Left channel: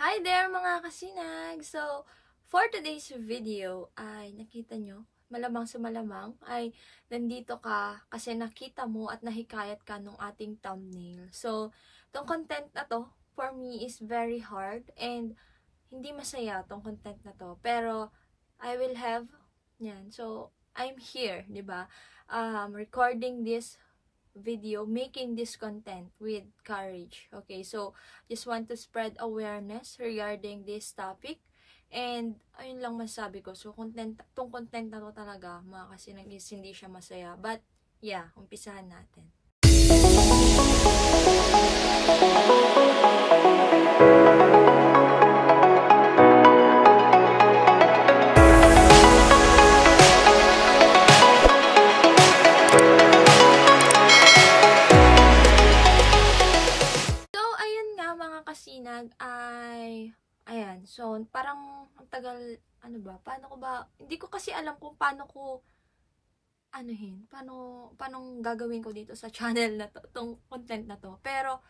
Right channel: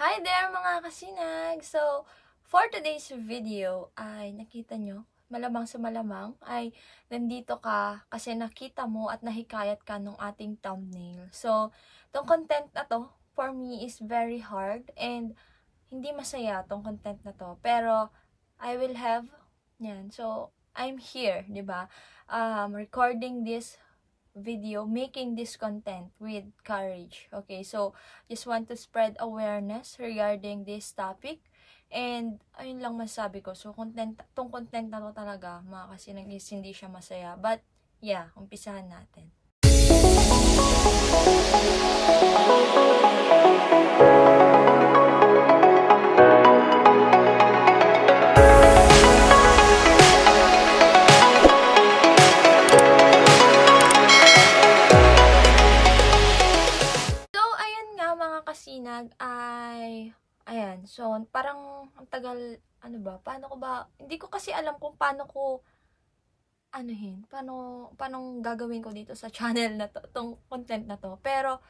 Hi there mga kasinag! So, for today's video ay nakita nyo, malamang sa malamang ay nandito ka kasi nakita mo at nahikayat ka nung ating thumbnail. So, tong content na to for me is very hard and hindi masaya tong content na to. Pero, I will have, yan. So, I'm here, di ba? Recording this video, making this content with courage. Okay, so just want to spread awareness regarding this topic. And ayun lang masabi ko. So tong content na to talaga, mga kasi hindi siya masaya. But yeah, umpisahan natin. Kasinag ay ayan, so parang ang tagal, ano ba, paano ko ba, hindi ko kasi alam kung paano ko paano gagawin ko dito sa channel na to, tong content na to. Pero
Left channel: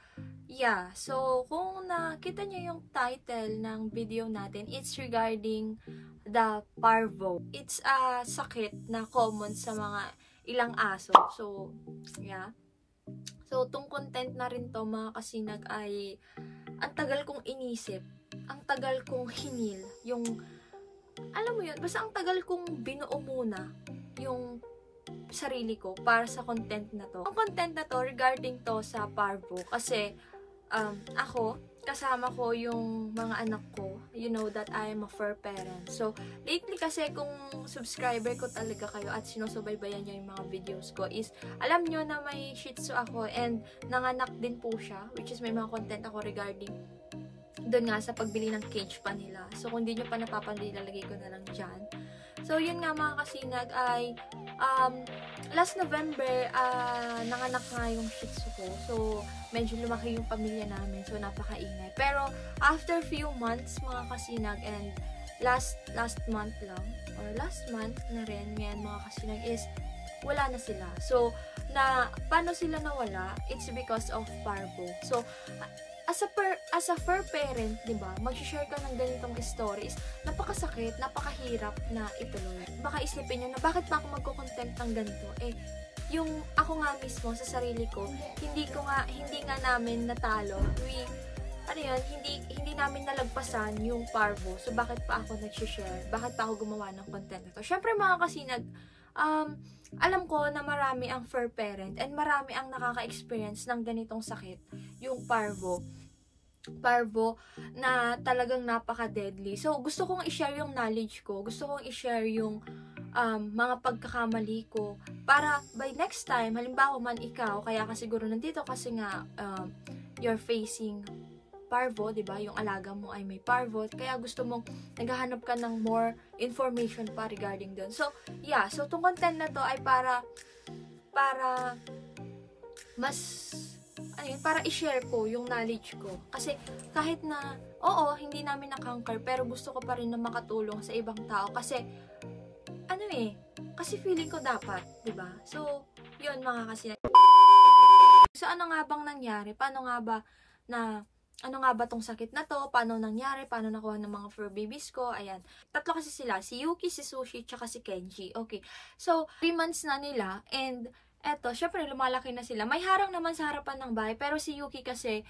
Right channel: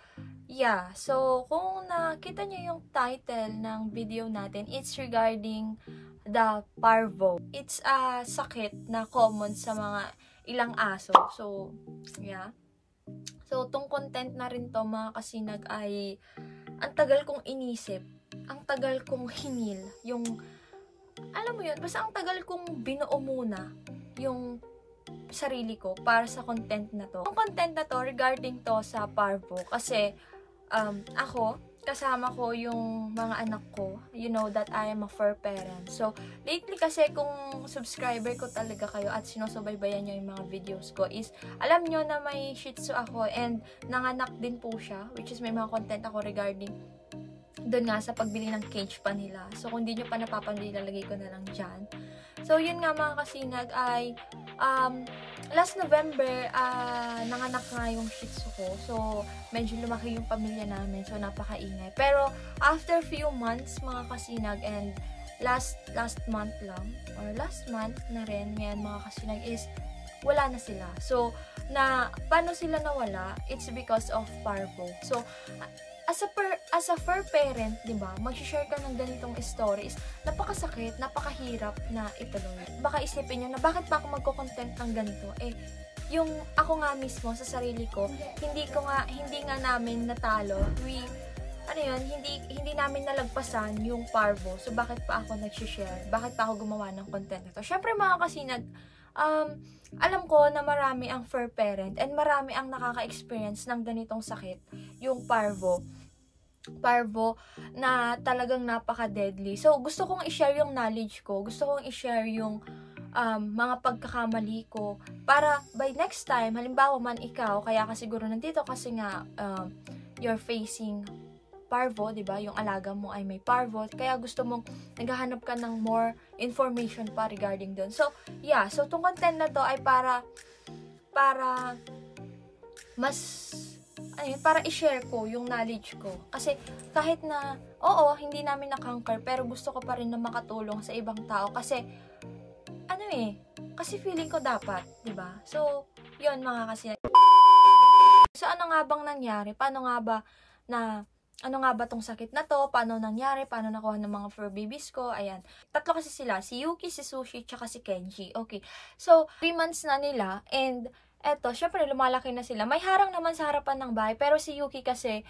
yeah, so kung nakita nyo yung title ng video natin, it's regarding the parvo. It's a sakit na common sa mga ilang aso. So yeah, so tong content na rin to mga kasinag ay ang tagal kong inisip, ang tagal kong hinil, yung, alam mo yun, basta ang tagal kong binuo muna yung sarili ko para sa content na to. Ang content na to, regarding to sa parvo, kasi ako, kasama ko yung mga anak ko, you know that I am a fur parent. So, lately kasi kung subscriber ko talaga kayo at sinusubaybayan nyo yung mga videos ko is, alam nyo na may Shih Tzu ako and nanganak din po siya, which is may mga content ako regarding doon nga sa pagbili ng cage pa nila. So, kung di nyo pa napapanood, ilalagay ko na lang dyan. So, yun nga mga kasinag ay last November, nanganak nga yung Shih Tzu ko. So, medyo lumaki yung pamilya namin. So, napakaingay. Pero, after few months, mga kasinag, and last month lang, or last month na rin, yan mga kasinag, is wala na sila. So, paano sila nawala? It's because of parvo. So, as a fur parent, di ba, mag-share ka ng ganitong stories, napakasakit, napakahirap na ituloy. Baka isipin nyo na, bakit pa ako magko-content ng ganito? Eh, yung ako nga mismo sa sarili ko, hindi nga namin natalo. Hindi namin nalagpasan yung parvo. So, bakit pa ako nag-share? Bakit pa ako gumawa ng content na to? Syempre, mga kasinag, alam ko na marami ang fur parent and marami ang nakaka-experience ng ganitong sakit, yung parvo na talagang napaka-deadly. So, gusto kong i-share yung knowledge ko. Gusto kong i-share yung mga pagkakamali ko para by next time, halimbawa man ikaw, kaya ka siguro nandito kasi nga you're facing parvo, 'di ba? Yung alaga mo ay may parvo, kaya gusto mong naghahanap ka ng more information pa regarding doon. So, yeah, so tong content na to ay para para i-share ko yung knowledge ko. Kasi kahit na, oo, hindi namin na-conquer, pero gusto ko pa rin na makatulong sa ibang tao. Kasi, kasi feeling ko dapat, diba? So, yun mga kasinag. So, ano nga bang nangyari? Ano nga ba tong sakit na to? Paano nangyari? Paano nakuha ng mga fur babies ko? Ayan. Tatlo kasi sila. Si Yuki, si Sushi, tsaka si Kenji. Okay. So, 3 months na nila and eto, syempre lumalaki na sila. May harang naman sa harapan ng bahay, pero si Yuki kasi,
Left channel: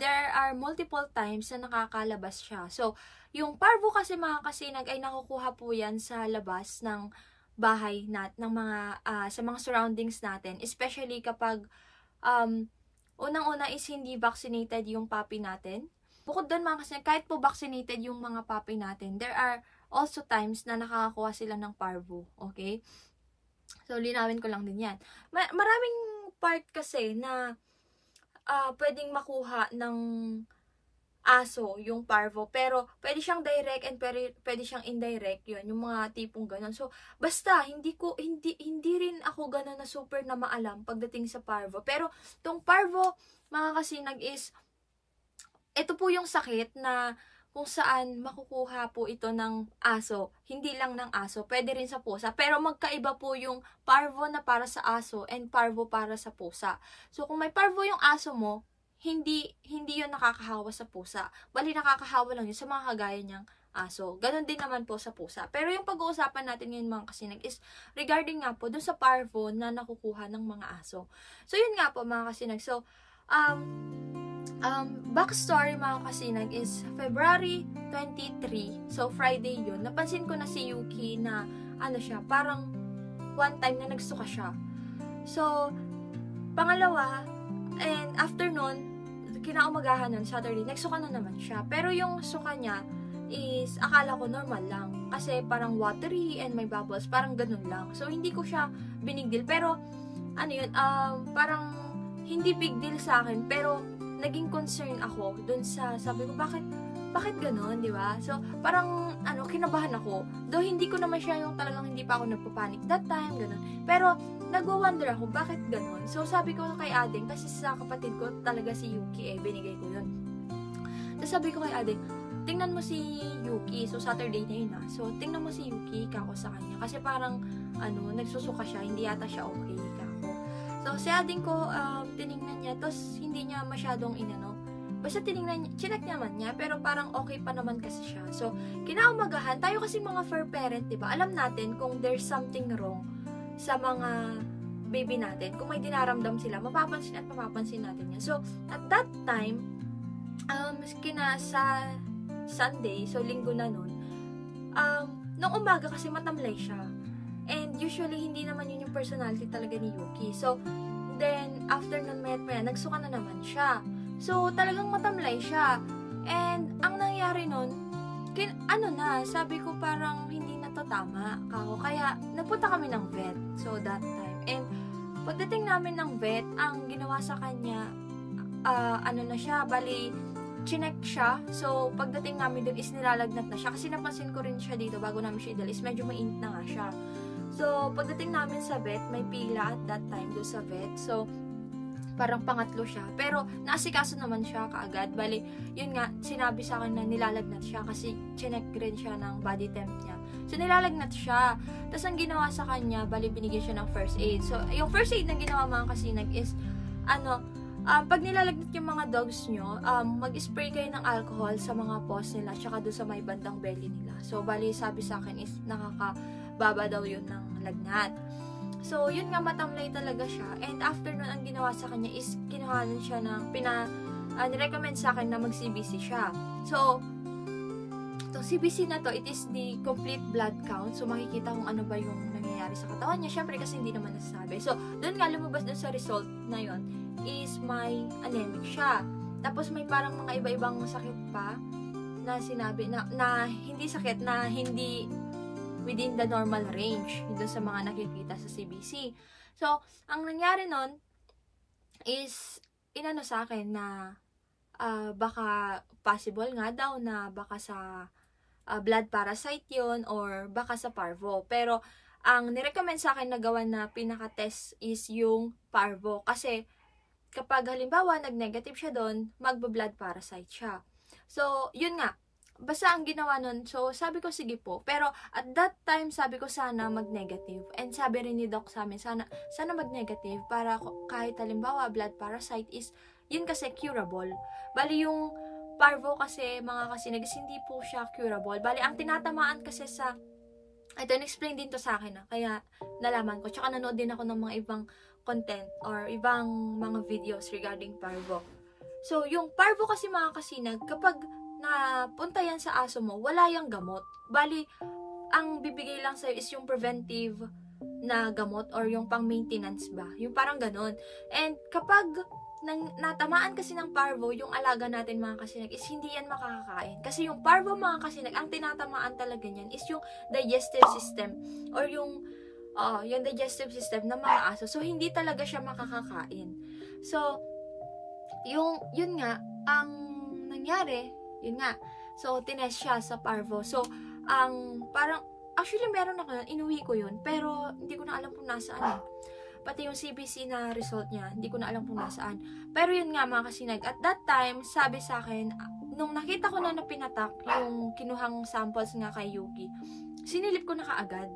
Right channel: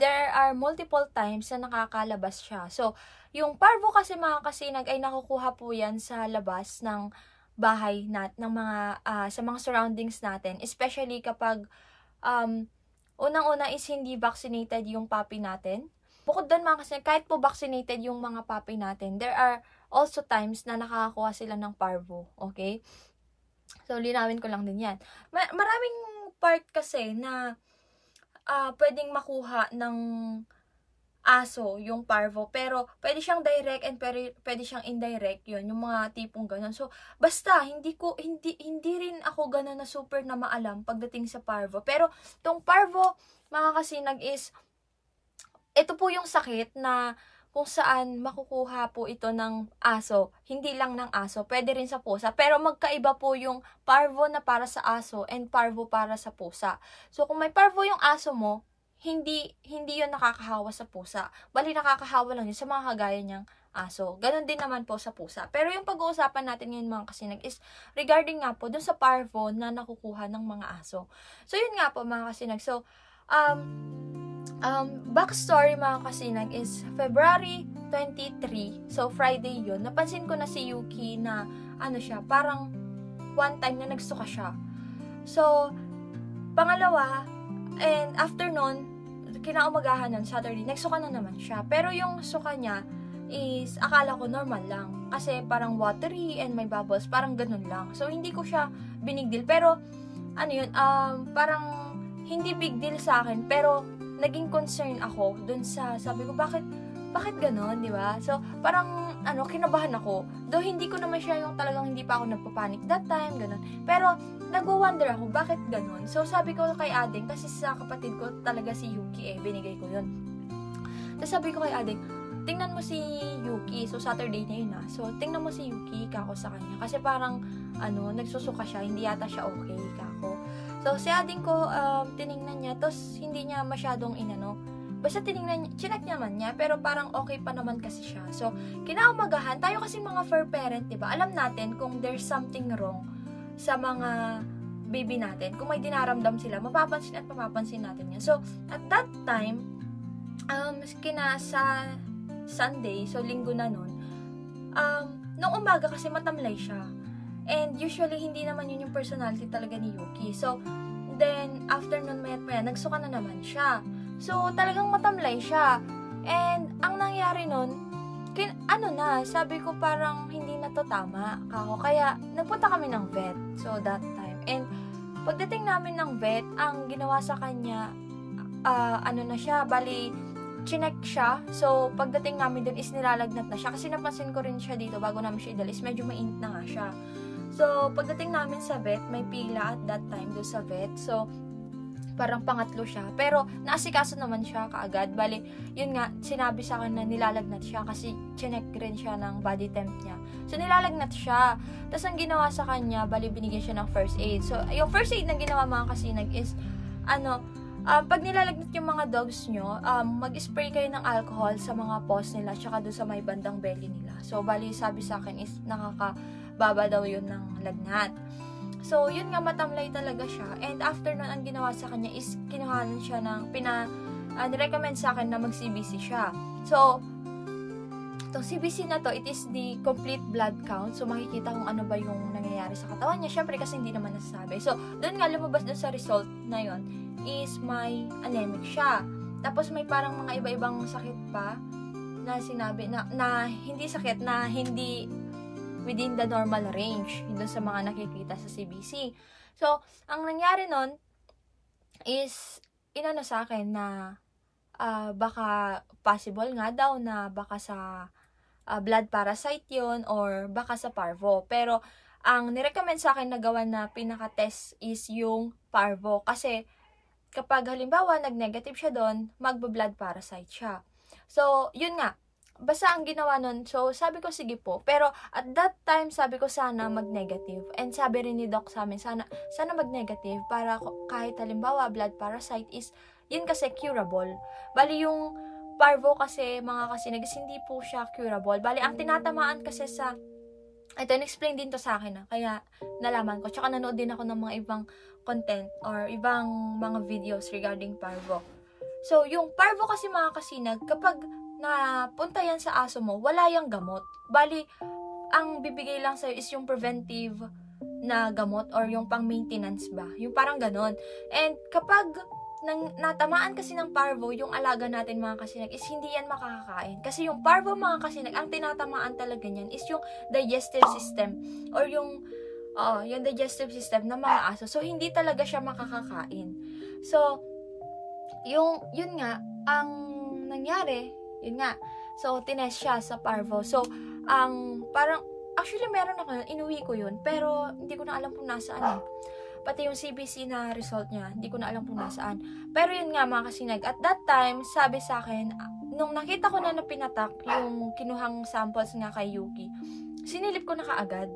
there are multiple times na nakakalabas siya. So, yung parvo kasi mga kasinag ay nakukuha po yan sa labas ng bahay sa mga surroundings natin. Especially kapag, unang-una is hindi vaccinated yung puppy natin. Bukod doon mga kasinag, kahit po vaccinated yung mga puppy natin, there are also times na nakakakuha sila ng parvo. Okay? So, linawin ko lang din yan. Maraming part kasi na pwedeng makuha ng aso yung parvo. Pero, pwede siyang direct and pwede siyang indirect yun. Yung mga tipong ganun. So, basta, hindi rin ako ganun na super na maalam pagdating sa parvo. Pero, tong parvo, mga kasinag is, ito po yung sakit na kung saan makukuha po ito ng aso. Hindi lang ng aso, pwede rin sa pusa. Pero magkaiba po yung parvo na para sa aso and parvo para sa pusa. So, kung may parvo yung aso mo, hindi yun nakakahawa sa pusa. Bali, nakakahawa lang yun sa mga kagaya niyang aso. Ganon din naman po sa pusa. Pero yung pag-uusapan natin ngayon mga kasinag is regarding nga po dun sa parvo na nakukuha ng mga aso. So, yun nga po mga kasinag. So, backstory mga kasinag is February 23. So, Friday yun. Napansin ko na si Yuki na ano siya, parang one time na nagsuka siya. So, pangalawa, and after nun, kinaumagahan nun, Saturday, nagsuka na naman siya. Pero yung suka niya is, akala ko normal lang. Kasi parang watery and may bubbles, parang ganun lang. So, hindi ko siya big deal. Pero, ano yun, parang hindi big deal sa akin. Pero, naging concern ako dun sa, sabi ko, bakit ganon, di ba? So, parang, kinabahan ako. Though, hindi ko naman siya yung talagang hindi pa ako nagpapanik that time, ganon. Pero, nagwo-wonder ako, bakit ganon? So, sabi ko kay Ading, kasi sa kapatid ko talaga si Yuki binigay ko yun. Tapos sabi ko kay Ading, tingnan mo si Yuki. So, Saturday na yun So, tingnan mo si Yuki, kako sa kanya. Kasi parang, nagsusuka siya, hindi yata siya okay, kako. So, si Ading ko, tiningnan niya, tapos hindi niya masyadong basta tiningnan niya, chinek naman niya, pero parang okay pa naman kasi siya. So, kinaumagahan, tayo kasi mga fur parent, diba? Alam natin kung there's something wrong sa mga baby natin. Kung may dinaramdam sila, mapapansin at mapapansin natin yan. So, at that time, sa Sunday, so linggo na nun, nung umaga kasi matamlay siya. And usually, hindi naman yun yung personality talaga ni Yuki. So, then, after nun, maya, nagsuka na naman siya. So, talagang matamlay siya. And, ang nangyari nun, sabi ko parang hindi na to tama kako. Kaya, nagpunta kami ng vet. So, that time. And, pagdating namin ng vet, ang ginawa sa kanya, na siya, bali, chinek siya. So, pagdating namin dun is nilalagnat na siya. Kasi napansin ko rin siya dito bago namin siya idalis. Medyo mainit na nga siya. So, pagdating namin sa vet, may pila at that time doon sa vet. So, parang pangatlo siya. Pero, naasikaso naman siya kaagad. Bali, yun nga, sinabi sa akin na nilalagnat siya kasi chinek rin siya ng body temp niya. So, nilalagnat siya. Tapos, ang ginawa sa kanya, bali, binigyan siya ng first aid. So, yung first aid na ginawa mga kasinag is, pag nilalagnat yung mga dogs nyo, mag-spray kayo ng alcohol sa mga paws nila, tsaka doon sa may bandang belly nila. So, bali, sabi sa akin is, nakakababa daw yun ng lagnat. So, yun nga, matamlay talaga siya. And after nun, ang ginawa sa kanya is, kinuhanan siya ng, nirecommend sa akin na mag-CBC siya. So, itong CBC na to, it is the complete blood count. So, makikita kung ano ba yung nangyayari sa katawan niya. Syempre, kasi hindi naman nasasabi. So, doon nga, lumabas doon sa result na yun, is may anemic siya. Tapos, may parang mga iba-ibang sakit pa na sinabi, na hindi sakit, na hindi within the normal range doon sa mga nakikita sa CBC. So, ang nangyari nun is, sa akin na baka possible nga daw na baka sa blood parasite yun or baka sa parvo. Pero, ang nirecommend sa akin na gawa na pinaka-test is yung parvo. Kasi, kapag halimbawa nag-negative siya doon, magba-blood parasite siya. So, yun nga. Basta ang ginawa nun, so sabi ko sige po. Pero at that time, sabi ko sana mag-negative. And sabi rin ni Doc sa amin, sana mag-negative para kahit halimbawa blood parasite is, yun kasi curable. Bali yung parvo kasi mga kasinag, hindi po siya curable. Bali ang tinatamaan kasi sa, ito, in-explain din to sa akin kaya nalaman ko. Tsaka nanood din ako ng mga ibang content or ibang mga videos regarding parvo. So, yung parvo kasi mga kasinag, kapag napunta yan sa aso mo, wala yung gamot. Bali, ang bibigay lang sa'yo is yung preventive na gamot or yung pang-maintenance ba. Yung parang ganon. And kapag natamaan kasi ng parvo, yung alaga natin mga kasinag is hindi yan makakakain. Kasi yung parvo mga kasinag, ang tinatamaan talaga niyan is yung digestive system or yung digestive system ng mga aso. So, hindi talaga siya makakakain. So, yun nga, ang nangyari, yun nga. So, tinest siya sa parvo. So, parang, actually, meron ako yun. Inuwi ko yun. Pero, hindi ko na alam kung nasaan. Pati yung CBC na result niya, hindi ko na alam kung nasaan. Pero, yun nga, mga kasinag. At that time, sabi sa akin, nung nakita ko na pinatak yung kinuhang samples nga kay Yuki, sinilip ko na kaagad.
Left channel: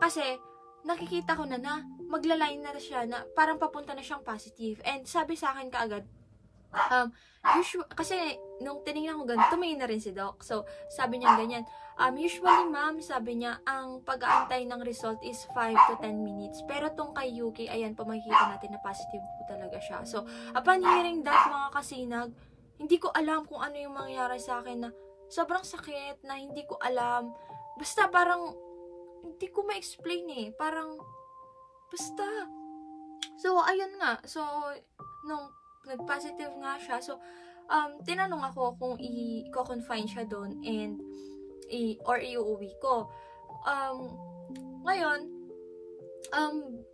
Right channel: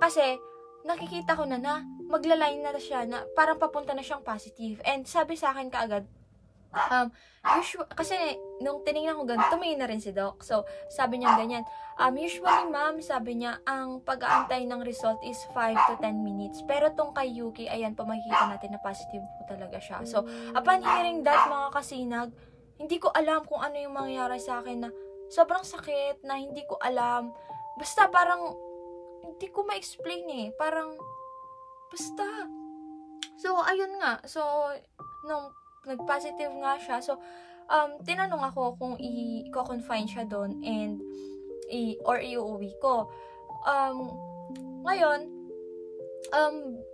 Kasi, nakikita ko na maglaline na siya na parang papunta na siyang positive. And, sabi sa akin kaagad, Kasi nung tinignan ko ganun, tumingin na rin si Doc. So, sabi niya ganyan, usually ma'am, sabi niya, ang pag-aantay ng result is 5 to 10 minutes. Pero tong kay Yuki, ayan po makikita natin na positive po talaga siya. So, upon hearing that, mga kasinag, hindi ko alam kung ano yung mangyayari sa akin na sobrang sakit, na hindi ko alam. Basta parang, hindi ko ma-explain eh. Parang, basta. So, ayun nga. So, nung nag-positive nga siya, so, tinanong ako kung i-confine siya doon and or iuwi ko. Ngayon,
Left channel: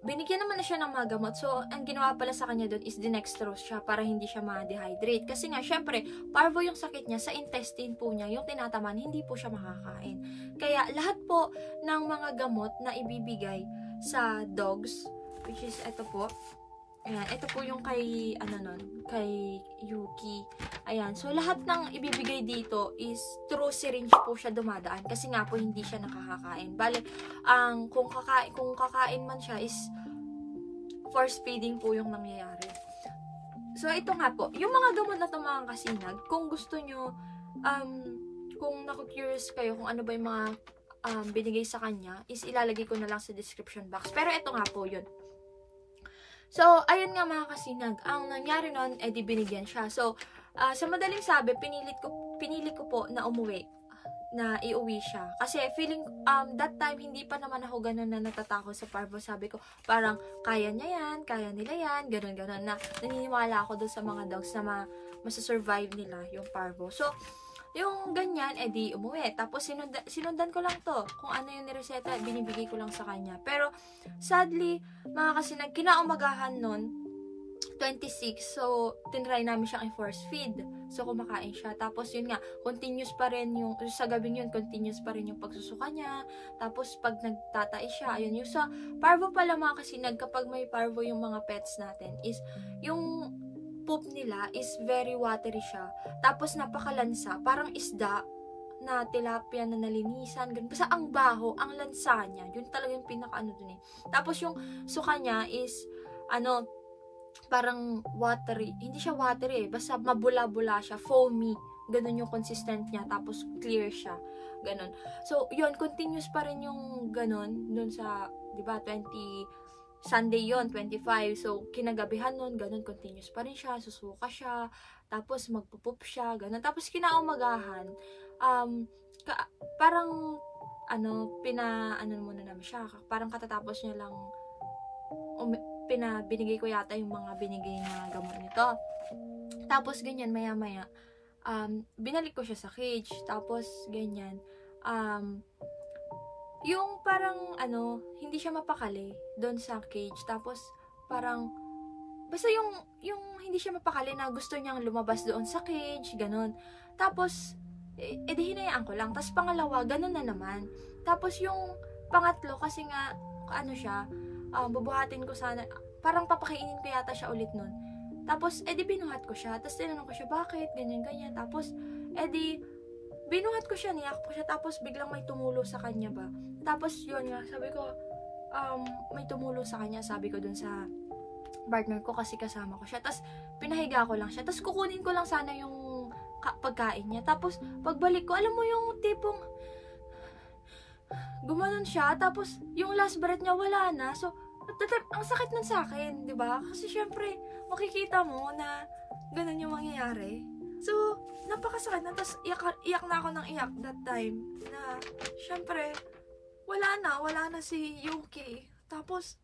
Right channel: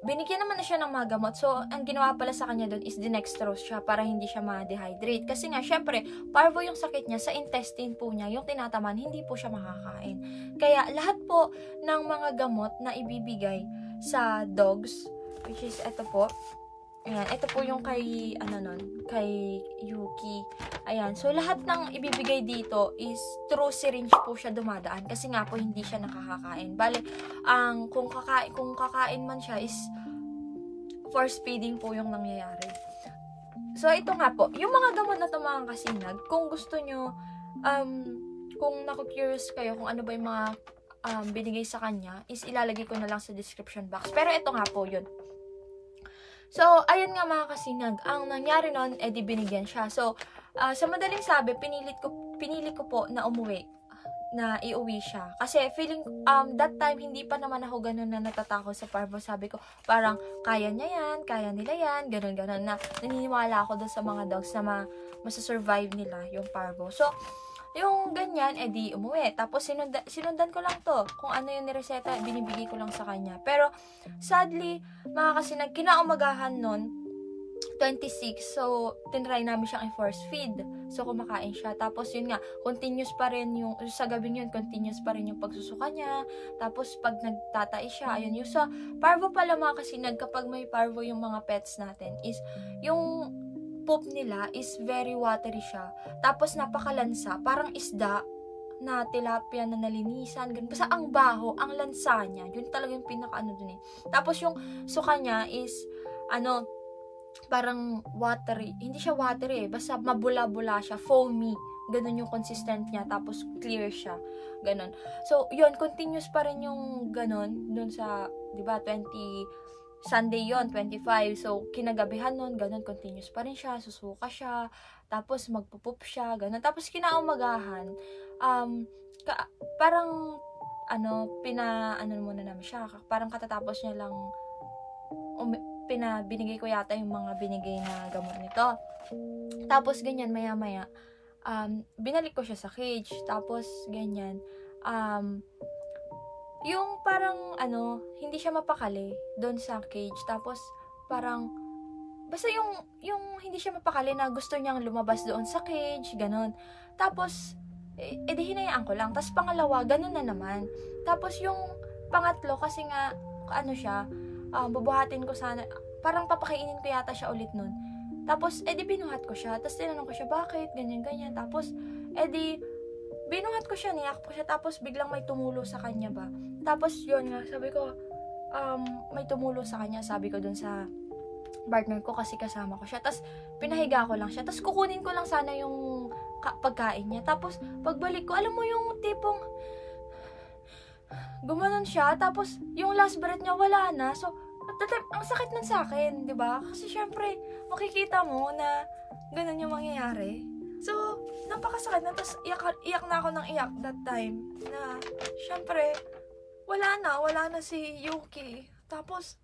binigyan naman na siya ng mga gamot. So, ang ginawa pala sa kanya doon is dinextrose siya para hindi siya ma-dehydrate. Kasi nga, syempre, parvo yung sakit niya, sa intestine po niya, yung tinataman, hindi po siya makakain. Kaya, lahat po ng mga gamot na ibibigay sa dogs, which is ito po, ayan, ito po yung kay, kay Yuki. Ayan, so lahat ng ibibigay dito is through syringe po siya dumadaan. Kasi nga po, hindi siya nakakakain. Bale, kung kakain man siya is force feeding po yung nangyayari. So, ito nga po, yung mga gamot na ito mga kasinag, kung gusto nyo, kung naku-curious kayo kung ano ba yung mga binigay sa kanya, is ilalagay ko na lang sa description box. Pero ito nga po yun. So, ayun nga mga kasinag, ang nangyari nun, di binigyan siya. So, sa madaling sabi, pinili ko po na umuwi, na iuwi siya. Kasi feeling, that time, hindi pa naman ako ganun na natatakot sa parvo. Sabi ko, parang, kaya niya yan, kaya nila yan, ganun, na naniniwala ako doon sa mga dogs na masasurvive nila yung parvo. So, yung ganyan, di umuwi. Tapos, sinundan ko lang to. Kung ano yung nireseta, binibigay ko lang sa kanya. Pero, sadly, mga kasinag, kinaumagahan nun, 26. So, tinry namin siyang i-force feed. So, kumakain siya. Tapos, yun nga, continuous pa rin yung, sa gabing yun, continuous pa rin yung pagsusuka niya. Tapos, pag nagtatai siya, ayun yung sa parvo pala mga kasinag, kapag may parvo yung mga pets natin, is, yung poop nila is very watery siya. Tapos napakalansa, parang isda na tilapia na nalinisan, ganun. Basta ang baho, ang lansa niya, yun talaga yung pinaka dun eh. Tapos yung suka niya is, parang watery, hindi siya watery eh, basta mabula-bula siya, foamy, ganun yung consistent niya, tapos clear siya, ganun. So, yun, continuous pa rin yung ganun, dun sa, di ba, Sunday yon 25. So, kinagabihan nun, ganun, continuous pa rin siya, susuka siya, tapos magpupup siya, ganun. Tapos, kinaumagahan, parang, muna namin siya, parang katatapos niya lang, binigay ko yata yung mga binigay na gamot nito. Tapos, ganyan, maya-maya, binalik ko siya sa cage, tapos, ganyan, yung parang, hindi siya mapakali doon sa cage. Tapos, parang, basta yung hindi siya mapakali na gusto niyang lumabas doon sa cage, ganun. Tapos, di hinayaan ko lang. Tapos, pangalawa, ganun na naman. Tapos, yung pangatlo, kasi nga, siya, bubuhatin ko sana, parang papakainin ko yata siya ulit nun. Tapos, di binuhat ko siya. Tapos, tinanong ko siya, bakit? Ganyan. Tapos, binuhat ko siya, niyak ko siya, tapos biglang may tumulo sa kanya ba. Tapos yun nga, sabi ko, may tumulo sa kanya, sabi ko dun sa partner ko kasi kasama ko siya. Tapos pinahiga ko lang siya. Tapos kukunin ko lang sana yung pagkain niya. Tapos pagbalik ko, alam mo yung tipong gumanon siya, tapos yung last breath niya wala na. So, at the time, ang sakit nun sa akin, di ba? Kasi syempre, makikita mo na ganun yung mangyayari. So, napakasakit na. Tapos, iyak na ako ng iyak that time. Na, syempre, wala na si Yuki. Tapos,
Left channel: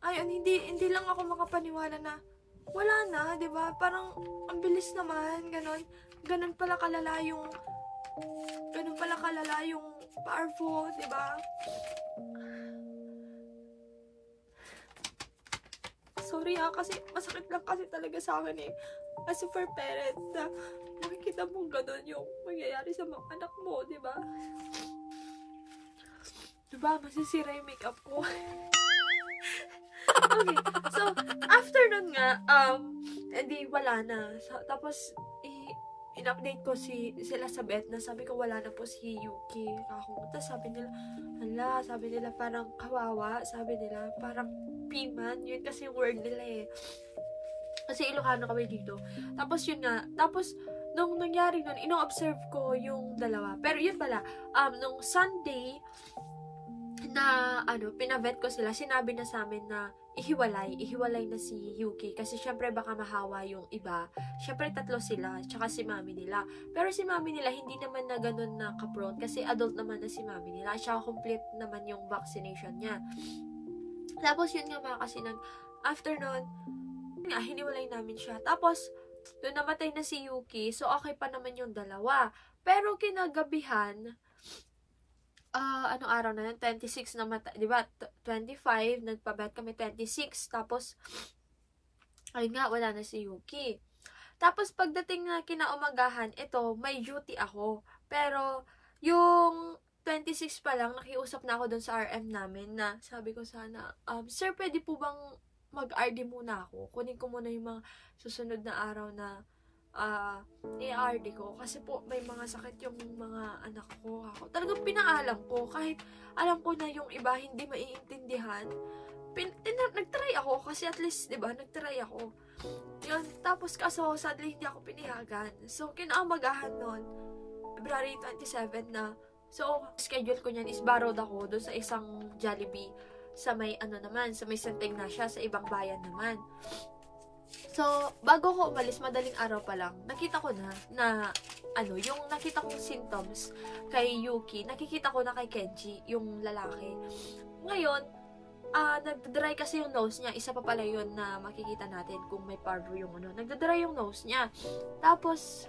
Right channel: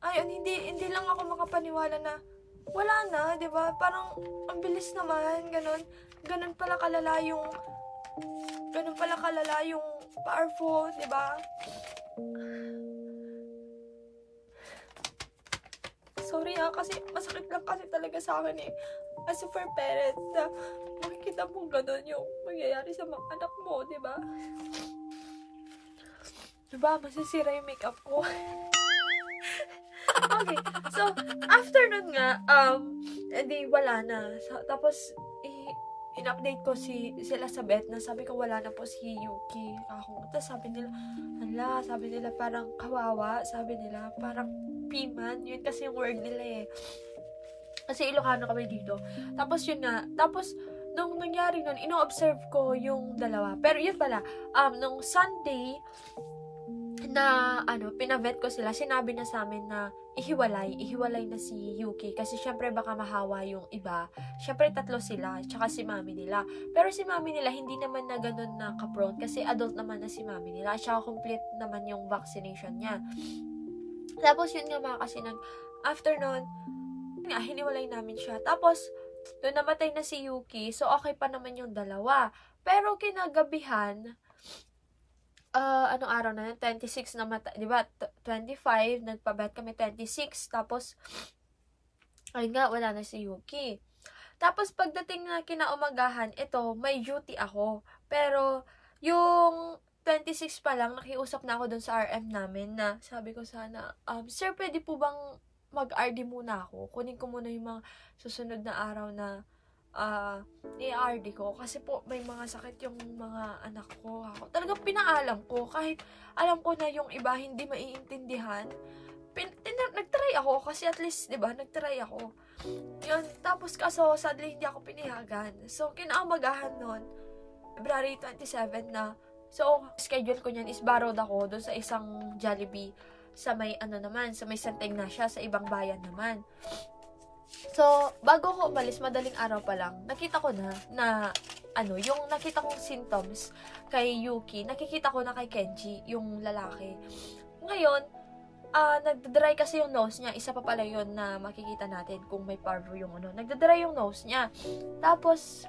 ayun, hindi lang ako makapaniwala na wala na, di ba? Parang, ang bilis naman, ganun pala kalala yung parvo, di ba? Sorry kasi masakit lang kasi talaga sa akin eh. As a for parent, na makikita mong gano'n yung mangyayari sa mga anak mo, di ba? Diba, masisira yung makeup ko. Okay, so, after nun nga, edi wala na. So, tapos, in-update ko sila sa vet na sabi ko wala na po si Yuki. Tapos sabi nila parang kawawa, sabi nila parang piman, yun kasi yung word nila eh. Kasi Ilocano kami dito. Tapos yun nga, tapos nung nangyari nun, ino-observe ko yung dalawa. Pero yun pala, nung Sunday, na pinavet ko sila, sinabi na sa amin na ihiwalay na si Yuki kasi syempre baka mahawa yung iba. Syempre tatlo sila, tsaka si mami nila. Pero si mami nila hindi naman na ganun na ka-prone kasi adult naman na si mami nila, tsaka complete naman yung vaccination niya. Tapos yun nga mga kasi after nun, nga, hiniwalay namin siya. Tapos, doon namatay na si Yuki, so okay pa naman yung dalawa. Pero kinagabihan, anong araw na yun? 26 na mata, di ba? 25, nagpabet kami 26, tapos, ayun nga, wala na si Yuki. Tapos, pagdating na kinaumagahan, ito, may duty ako. Pero, yung 26 pa lang, nakiusap na ako dun sa RM namin na sabi ko sana, sir, pwede po bang mag-RD muna ako? Kunin ko muna yung mga susunod na araw na i-RD ko. Kasi po, may mga sakit yung mga anak ko. Ako talagang pinaalam ko. Kahit alam ko na yung iba hindi maiintindihan. Nagtry ako. Kasi at least, diba, nagtry ako. Yun. Tapos kaso, sadly, hindi ako pinayagan. So, kinaumagahan nun, February 27 na. So, schedule ko niyan is borrowed ako doon sa isang Jollibee sa may sa may Santa Ignacia, sa ibang bayan naman. So, bago ko umalis, madaling araw pa lang, nakita ko na yung nakita kong symptoms kay Yuki, nakikita ko na kay Kenji, yung lalaki. Ngayon, nagdadry kasi yung nose niya. Isa pa pala yun na makikita natin kung may parvo yung nagdadry yung nose niya. Tapos,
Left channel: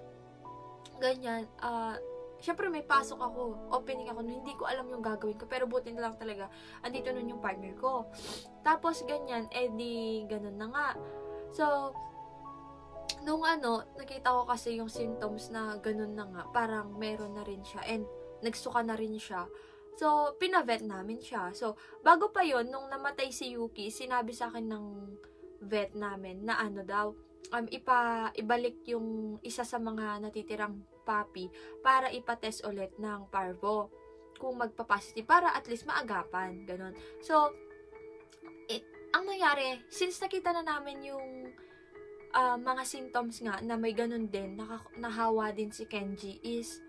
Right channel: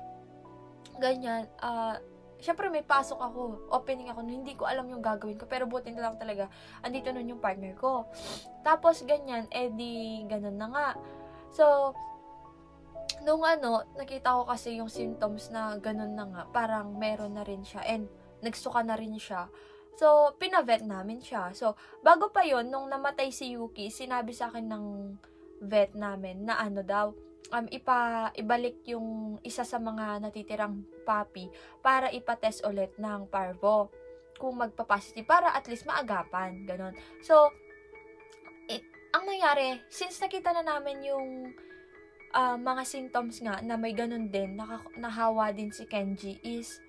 ganyan, syempre may pasok ako, opening ako, hindi ko alam yung gagawin ko, pero buti na lang talaga, andito nun yung partner ko. Tapos ganyan, ganun na nga. So, nung nakita ko kasi yung symptoms na ganun na nga, parang meron na rin siya, and nagsuka na rin siya. So, pinavet namin siya. So, bago pa yon nung namatay si Yuki, sinabi sa akin ng vet namin na daw, ibalik yung isa sa mga natitirang puppy para ipatest ulit ng parvo kung magpa-positive para at least maagapan, ganun. So, ang nangyari, since nakita na namin yung mga symptoms nga na may ganun din, nahawa din si Kenji is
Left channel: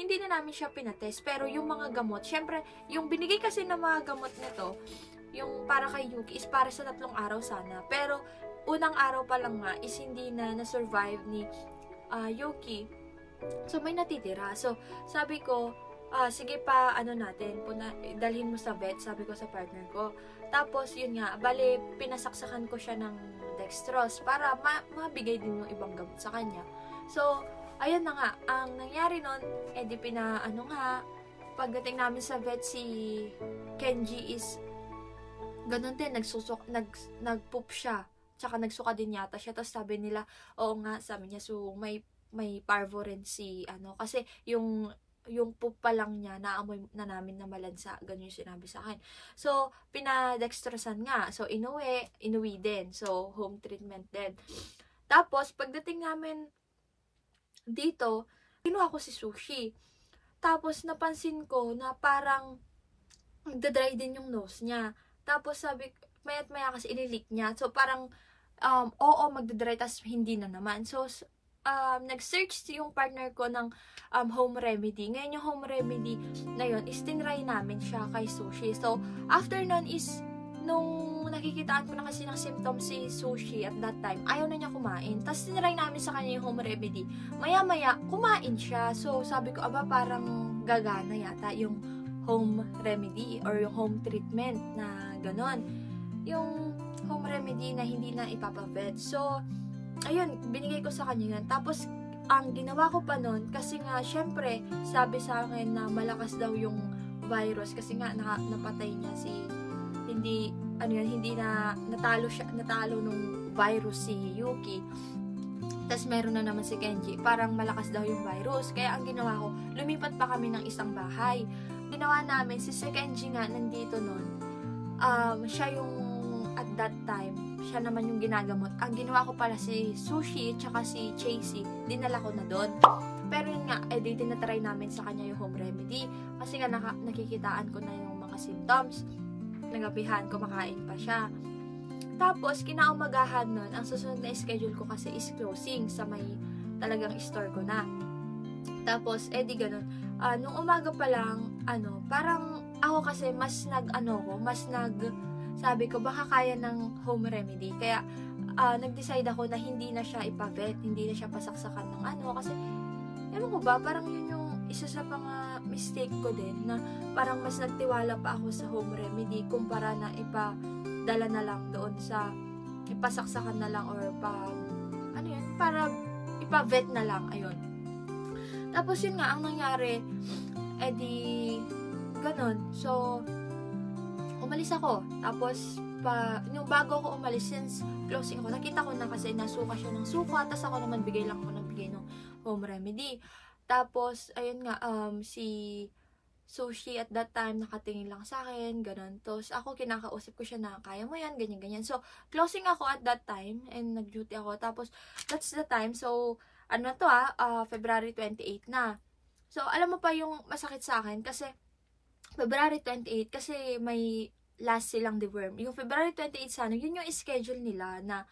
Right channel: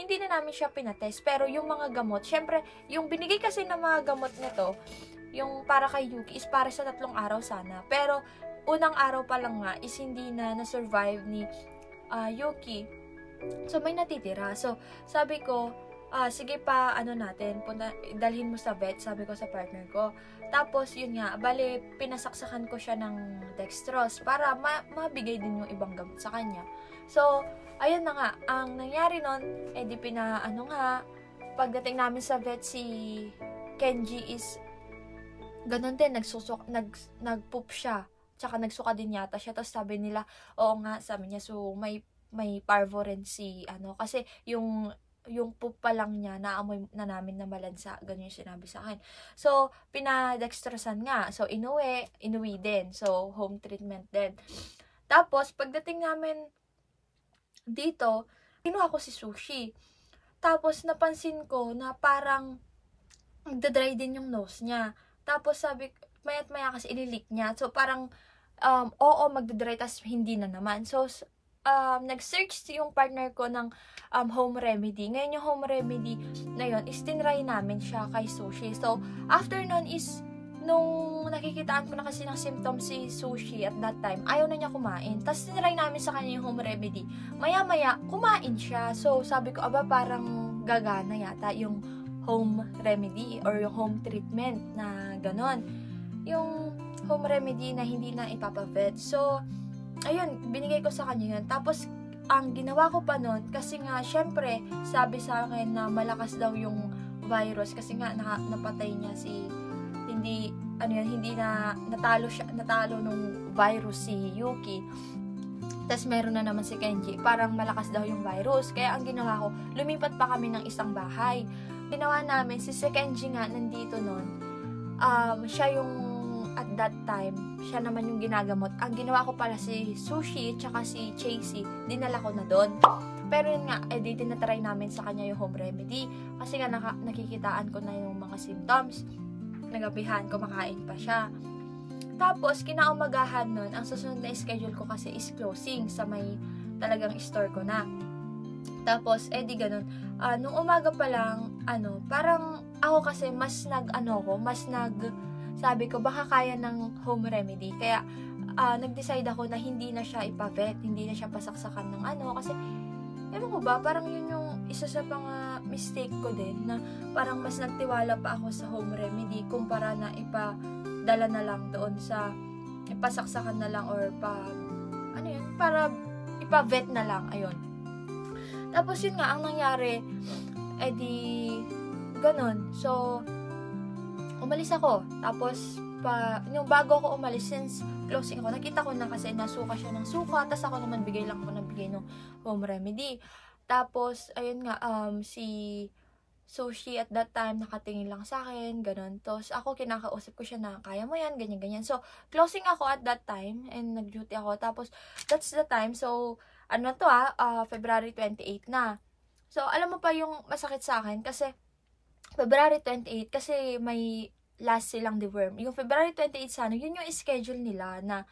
hindi na namin siya pinatest, pero yung mga gamot, syempre, yung binigay kasi ng mga gamot nito, yung para kay Yuki is para sa 3 araw sana. Pero, unang araw pa lang nga is hindi na na-survive ni Yuki. So, may natitira. So, sabi ko, sige pa, natin, dalhin mo sa vet, sabi ko sa partner ko. Tapos, yun nga, bale, pinasaksakan ko siya ng dextrose para mabigay din yung ibang gamot sa kanya. So, ayun na nga, ang nangyari nun, pagdating namin sa vet, si Kenji is ganun din, nag-poop siya. Tsaka nagsuka din yata siya. Tapos sabi nila, oo nga, sabi niya, so may parvo rin si, kasi yung poop pa lang niya, naamoy na namin na malansa. Ganun yung sinabi sa akin. So, pinadextrosan nga. So, inuwi din. So, home treatment din. Tapos, pagdating namin dito, kinuha ko si Sushi. Tapos, napansin ko na parang nagda-dry din yung nose niya. Tapos sabi, maya't maya kasi ililik niya. So parang, magdadry, tas hindi na naman. So, nag-search yung partner ko ng home remedy. Ngayon yung home remedy na yun, is tinry namin siya kay Sushi. So, after nun is, nung nakikitaan ko na kasi ng symptoms si Sushi at that time, ayaw na niya kumain. Tapos tinry namin sa kanya yung home remedy. Maya-maya, kumain siya. So, sabi ko, parang gagana yata yung home remedy or yung home treatment na ganon. Yung home remedy na hindi na ipapavet. So, ayun, binigay ko sa kanya yun. Tapos, ang ginawa ko pa nun, kasi nga, syempre, sabi sa akin na malakas daw yung virus kasi nga napatay niya hindi na natalo nung virus si Yuki. Tapos meron na naman si Kenji, parang malakas daw yung virus. Kaya ang ginawa ko, lumipat pa kami ng isang bahay. Ginawa namin, si Kenji nga nandito nun, siya yung at that time, siya naman yung ginagamot. Ang ginawa ko pala si Sushi tsaka si Chasey, dinala ko na doon. Pero yun nga, tinatry namin sa kanya yung home remedy. Kasi nga nakikitaan ko na yung mga symptoms. Nagabihan, kumakain pa siya. Tapos, kinaumagahan nun, ang susunod na schedule ko kasi is closing sa may talagang store ko na. Tapos, di ganun. Nung umaga pa lang, parang ako kasi sabi ko, baka kaya ng home remedy. Kaya, nag-decide ako na hindi na siya ipa-vet, hindi na siya pasaksakan ng kasi, ewan ko ba, parang yun yung isa sa mga mistake ko din, na parang mas nagtiwala pa ako sa home remedy, kumpara na ipadala na lang doon sa, ipasaksakan na lang, or para ipa-vet na lang, ayun. Tapos yun nga, ang nangyari, ganun. So, umalis ako. Tapos, yung bago ako umalis, since closing ako, nakita ko na kasi nasuka siya ng suka, tapos ako naman bigay lang ako ng bigay ng home remedy. Tapos, ayun nga, si Sushi at that time, nakatingin lang sa akin, ganun. Tapos, ako kinakausap ko siya na, kaya mo yan, ganyan-ganyan. So, closing ako at that time, and nag-duty ako. Tapos, that's the time. So, February 28 na. So, alam mo pa yung masakit sa akin, kasi, February 28, kasi may last silang deworm. Yung February 28 sana, yun yung schedule nila na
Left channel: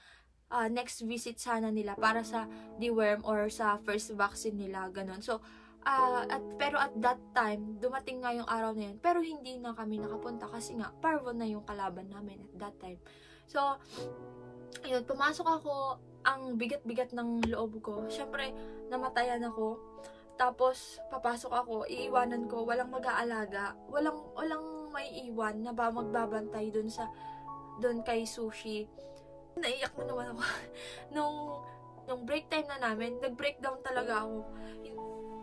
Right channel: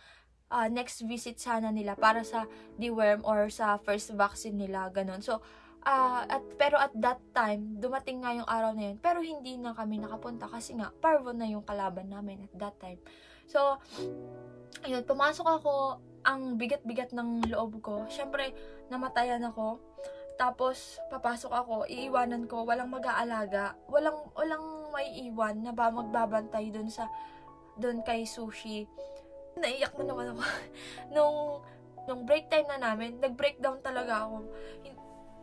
next visit sana nila para sa deworm or sa first vaccine nila, ganun. So, pero at that time, dumating nga yung araw na yun, pero hindi na kami nakapunta kasi nga, parvo na yung kalaban namin at that time. So, ayun, pumasok ako, ang bigat-bigat ng loob ko. Syempre, namatayan ako. Tapos, papasok ako, iiwanan ko, walang mag-aalaga, walang may iwan na magbabantay dun kay Sushi. Naiyak na naman ako. nung break time na namin, nag-breakdown talaga ako.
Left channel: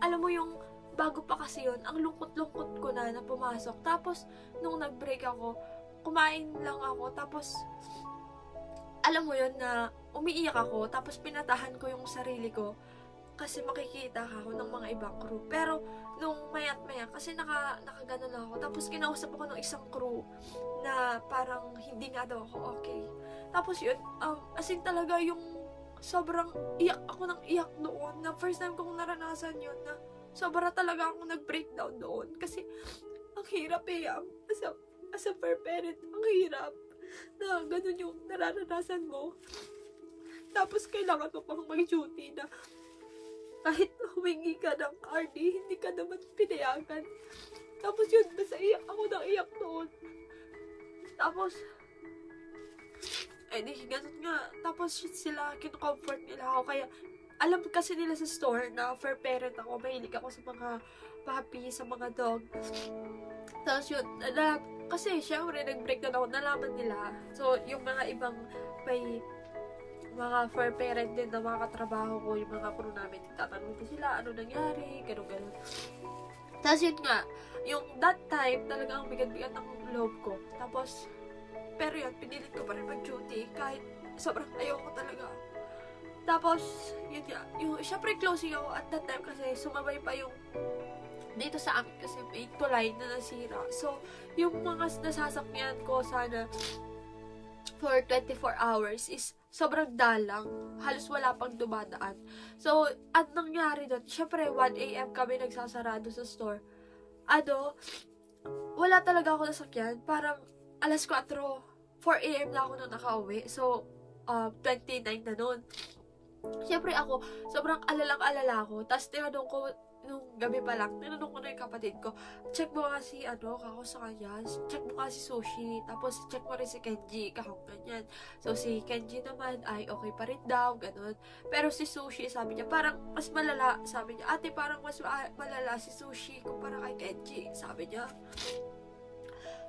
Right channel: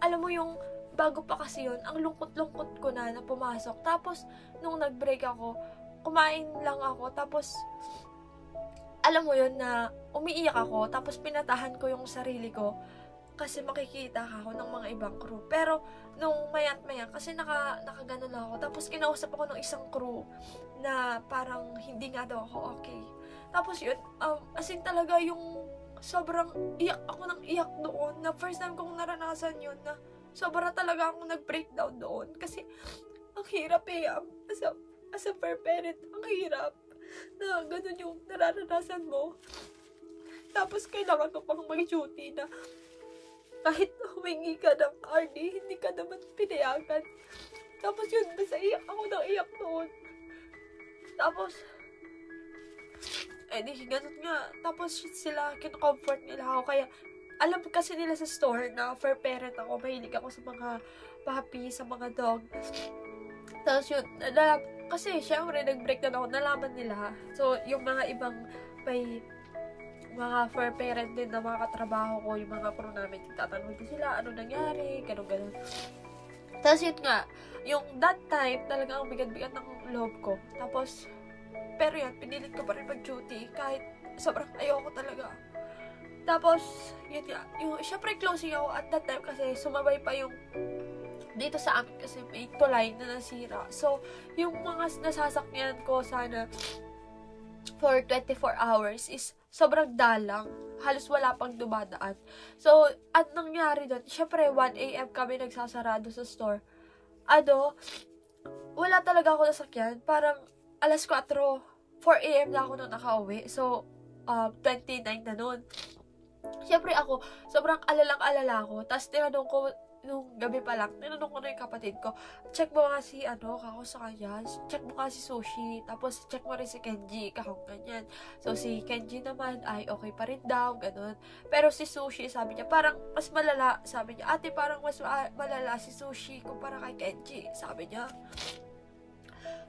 Alam mo yung, bago pa kasi yun, ang lungkot-lungkot ko na pumasok. Tapos, nung nag-break ako, kumain lang ako, tapos, alam mo yun na, umiiyak ako, tapos pinatahan ko yung sarili ko, kasi makikita ako ng mga ibang crew. Pero, nung mayat-maya, kasi nakagano lang ako, tapos kinausap ako ng isang crew, na parang hindi nga daw ako okay. Tapos yun, as in talaga yung, sobrang iyak ako ng iyak doon, na first time kong naranasan yun, na sobra talaga akong nag-breakdown doon, kasi ang hirap as a fair parent, ang hirap na ganun yung nararanasan mo, tapos kailangan mo pang mag-duty na kahit humingi ka ng RD, hindi ka naman pinayagan. Tapos yun, basta iyak ako ng iyak doon. Tapos di ganun nga. Tapos sila, kin-comfort nila ako. Kaya, alam kasi nila sa store na fair parent ako. Mahilig ako sa mga puppy, sa mga dog. Tapos yun, kasi syempre, nag-break na ako, nalaman nila. So, yung mga ibang may mga fair parent din na mga katrabaho ko, yung mga crew namin, tatanong din sila, ano nangyari, ganun. Tapos yun nga, yung that time, talaga ang bigat-bigat ng loob ko. Tapos, pero yun, pinilit ko pa rin mag-duty, kahit sobrang ayoko talaga. Tapos, yun nga, yung, syempre closing ako at that time kasi sumabay pa yung dito sa amin kasi may tulay na nasira. So, yung mga nasasakyan ko sana for 24 hours is sobrang dalang. Halos wala pang dumadaan. So, at nangyari doon, syempre 1 AM kami nagsasarado sa store. Wala talaga ako nasakyan. Parang alas 4 AM na ako nung nakauwi. So, 29 na nun. Syempre ako, sobrang alalang-alala ako. Tapos tinanong ko, nung gabi pa lang, tinanong ko na yung kapatid ko, check mo nga si, kako sa kanya, check mo nga si Sushi, tapos check mo rin si Kenji, kakong ganyan. So, si Kenji naman, ay okay pa rin daw, ganun. Pero si Sushi, sabi niya, parang mas malala, sabi niya, ate, parang mas malala si Sushi kumpara kay Kenji, sabi niya.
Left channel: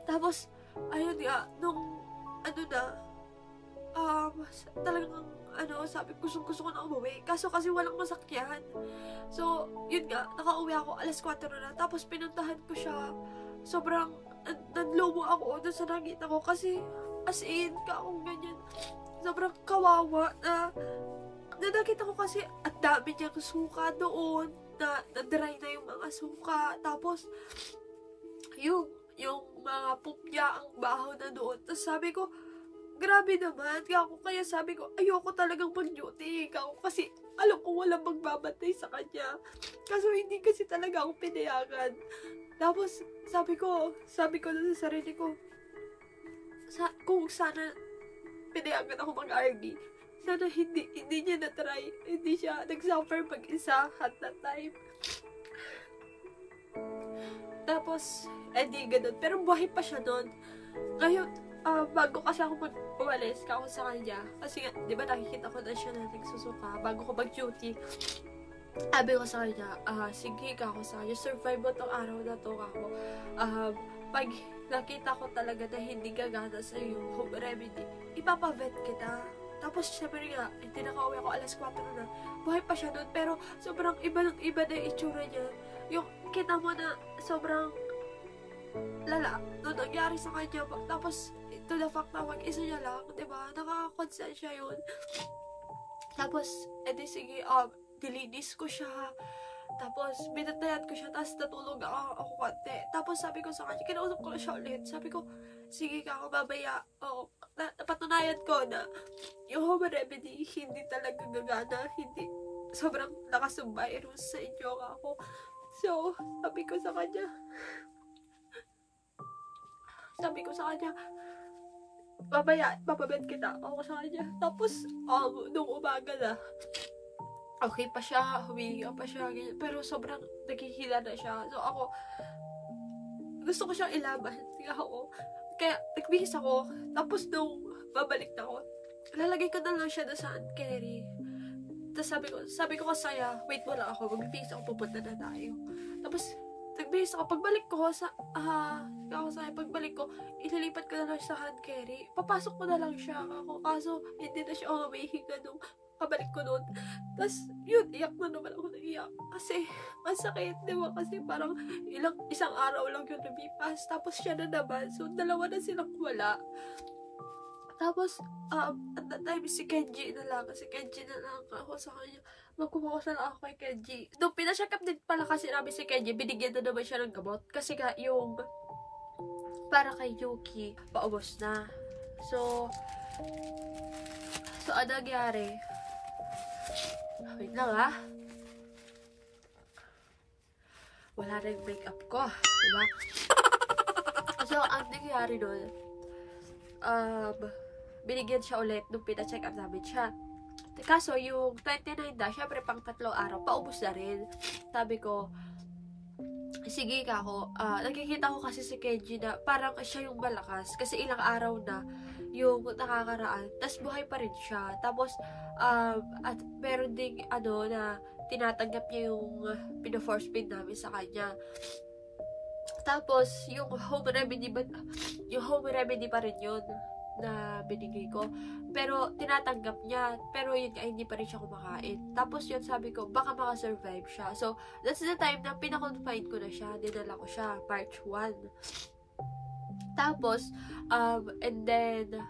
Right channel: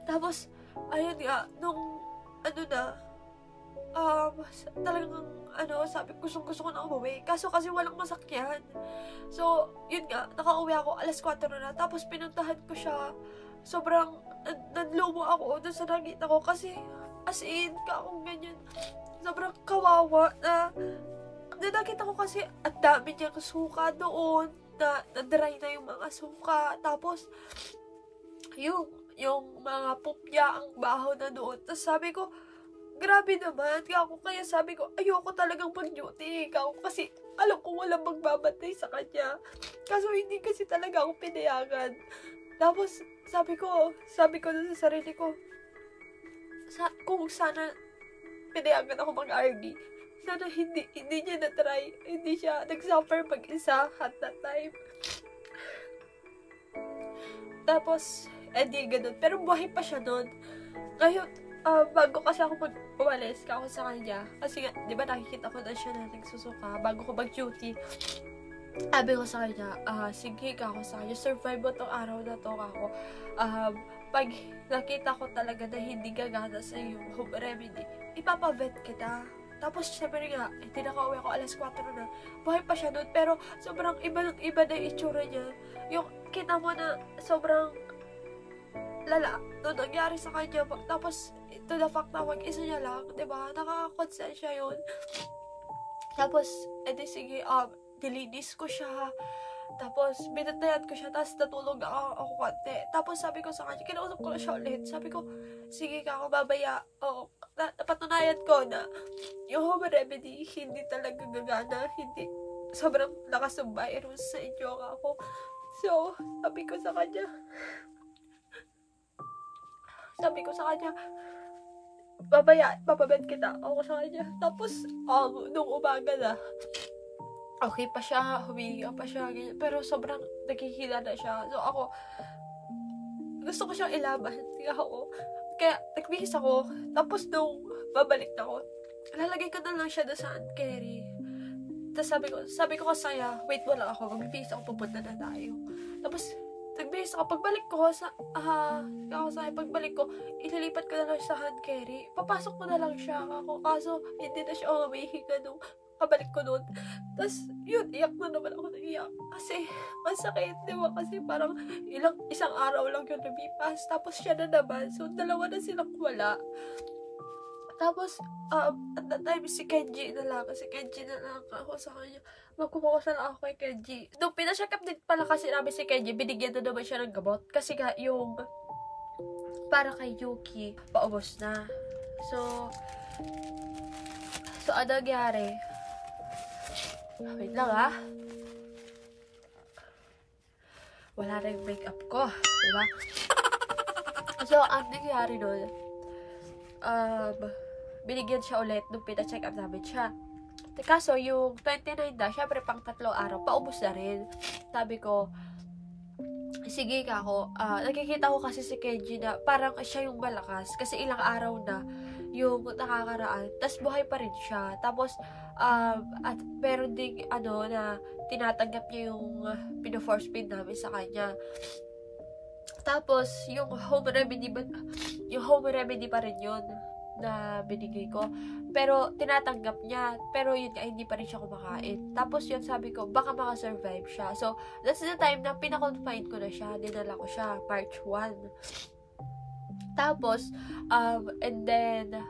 Tapos, ayun nga, nung, talagang, sabi ko, gusto ko na umuwi. Kaso kasi walang masakyan. So, yun nga, nakauwi ako, alas 4 na. Tapos, pinuntahan ko siya. Sobrang, nanlobo ako doon sa nakita ko. Kasi, as in, akong ganyan. Sobrang kawawa na nakita ko kasi, at dami niyang suka doon. Na-dry na yung mga suka. Tapos, yung mga poop niya, ang baho na doon. Tapos, sabi ko, grabe naman. Kaya sabi ko, ayoko talagang mag-duty. Kasi alam ko walang magbabantay sa kanya. Kaso hindi kasi talaga ako pinayagan. Tapos sabi ko na sa sarili ko, kung sana pinayagan ako mag-RD. Sana hindi niya na-try. Hindi siya nag-suffer mag-isa at that time. Tapos, hindi ganun. Pero buhay pa siya nun. Ngayon, bago kasi ako umalis ako sa kanya, kasi nga, di ba nakikita ko na siya na nagsusuka, bago ko mag-duty, sabi ko sa kanya, sige ka ako sa kanya, survive mo tong araw na to ako. Pag nakita ko talaga na hindi gagana sa iyo, home remedy, ipapavet kita. Tapos, syempre nga, hindi nakauwi ako, alas 4 na. Buhay pa siya nun, pero sobrang iba na yung itsura niya. Yung, kita mo na sobrang lala, no, nangyari sa kanya. Tapos, to the fact na mag-isa niya lang, diba? Nakaka-consent siya yun. Tapos, edi sige, dilinis ko siya. Tapos, binatayan ko siya. Tapos, natulog ako konti. Tapos, sabi ko sa kanya, kinausap ko na siya ulit. Sabi ko, sige ka ako, babaya. Napatunayan ko na yung home remedy, hindi talaga gagana. Hindi, sobrang lakas ng virus sa inyo ako. So, sabi ko sa kanya, papabed kita ako sa kanya. Tapos, nung umaga na, okay pa siya, humiga pa siya, ganyan. Pero sobrang nagkikila na siya. So, ako, gusto ko siyang ilaban. Kaya, nagbihis ako. Tapos, nung babalik na ako, lalagay ko na lang siya doon sa hand carry. Tapos, sabi ko kasaya, wait mo lang ako, magbihis ako, pupunta na tayo. Tapos, nagbihis ako. Pagbalik ko, ililipat ko na lang sa hand carry. Papasok ko na lang siya ako. Kaso, hindi na siya umihinga nung kabalik ko noon. Tapos, yun, iyak na naman ako ng iyak. Kasi, masakit, di ba? Kasi parang isang araw lang yun lumipas. Tapos siya na naman. So, dalawa na silang wala. Tapos, at that time, si Kenji na lang ako sa kanya. Magkumakas na lang ako kay Kenji. Nung pina-check up din pala kasi namin si Kenji, binigyan na naman siya ng gamot. Kasi nga, yung para kay Yuki, paubos na. So, ano nangyari? Wait lang wala na yung makeup ko. Diba? So, ang nangyari nun, binigyan siya ulit nung pina-check up namin siya. Kaso, yung 29 na, syempre pang 3 araw, paubos na rin. Sabi ko, sige ka ako. Nakikita ko kasi si Kenji na parang siya yung malakas. Kasi ilang araw na yung nakakaraan. Tapos buhay pa rin siya. Tapos, at meron ding na tinatanggap niya yung pino-force feed namin sa kanya. Tapos, yung home remedy pa rin yun na binigay ko. Pero, tinatanggap niya. Pero, yun nga, hindi pa rin siya kumakain. Tapos, yun, sabi ko, baka makasurvive siya. So, that's the time na pinakonfine ko na siya. Dinala ko siya, March 1. Tapos, and then,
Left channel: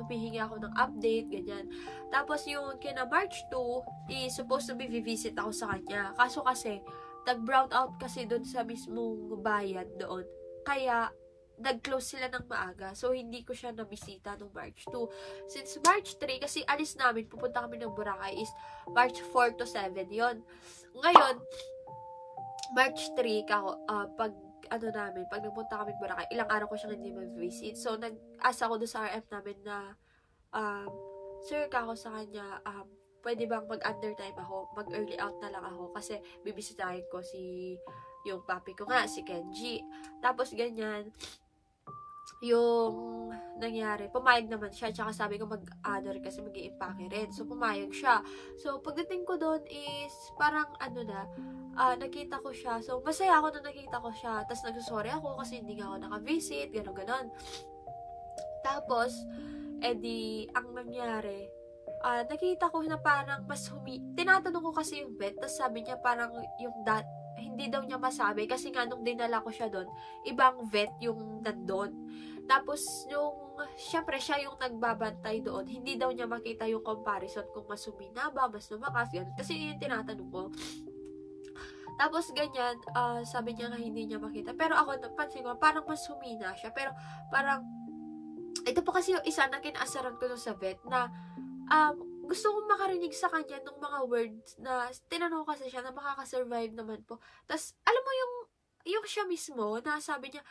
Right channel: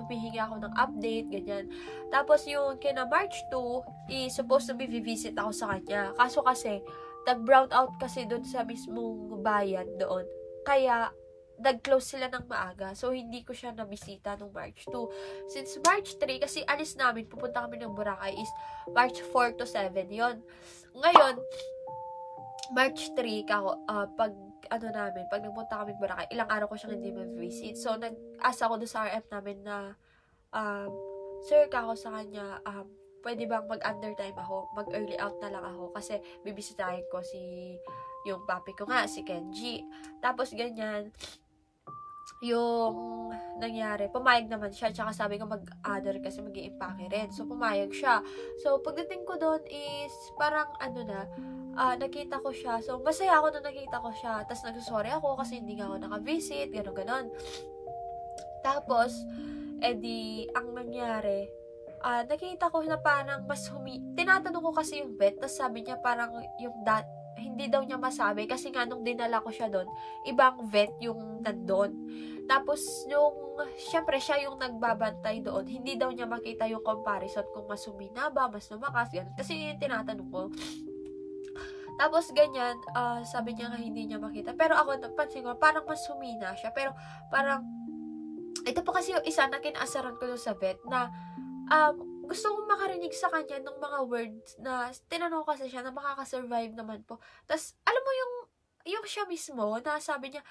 humihingi ako ng update, ganyan. Tapos, yung kina March 2, is supposed to be visit ako sa kanya. Kaso kasi, nag-brown out kasi doon sa mismong bayan doon. Kaya, nag-close sila ng maaga. So, hindi ko siya nabisita nung March 2. Since March 3, kasi alis namin, pupunta kami ng Boracay, is March 4 to 7 yon. Ngayon, March 3, pag nagpunta kami ng Boracay, ilang araw ko siyang hindi ma-visit. So, nag-asa ko doon sa RF namin na, sir, sa kanya, pwede bang mag-undertime ako? Mag-early out na lang ako kasi bibisitahin ko yung papi ko nga, si Kenji. Tapos, ganyan, yung nangyari, pumayag naman siya, tsaka sabi ko mag-other kasi mag-i-impake rin. So, pumayag siya. So, pagdating ko doon is, parang nakita ko siya. So, masaya ako na nakita ko siya. Tapos, nagsusorry ako kasi hindi nga ako naka-visit, gano'n. Tapos, edi, ang nangyari, nakita ko na parang tinatanong ko kasi yung vet, tapos sabi niya parang hindi daw niya masabi kasi nga nung dinala ko siya doon, ibang vet yung nandun. Tapos, syempre siya yung nagbabantay doon, hindi daw niya makita yung comparison kung mas humina ba, mas lumakas, ganun. Kasi yung tinatanong ko. Tapos, ganyan, sabi niya nga hindi niya makita. Pero ako, napansin ko, parang mas humina siya. Pero, parang, ito pa kasi yung isa na kinaasaran ko sa vet na, gusto kong makarinig sa kanya ng mga words na tinanong kasi siya na makakasurvive naman po. Tapos, alam mo yung siya mismo na sabi niya,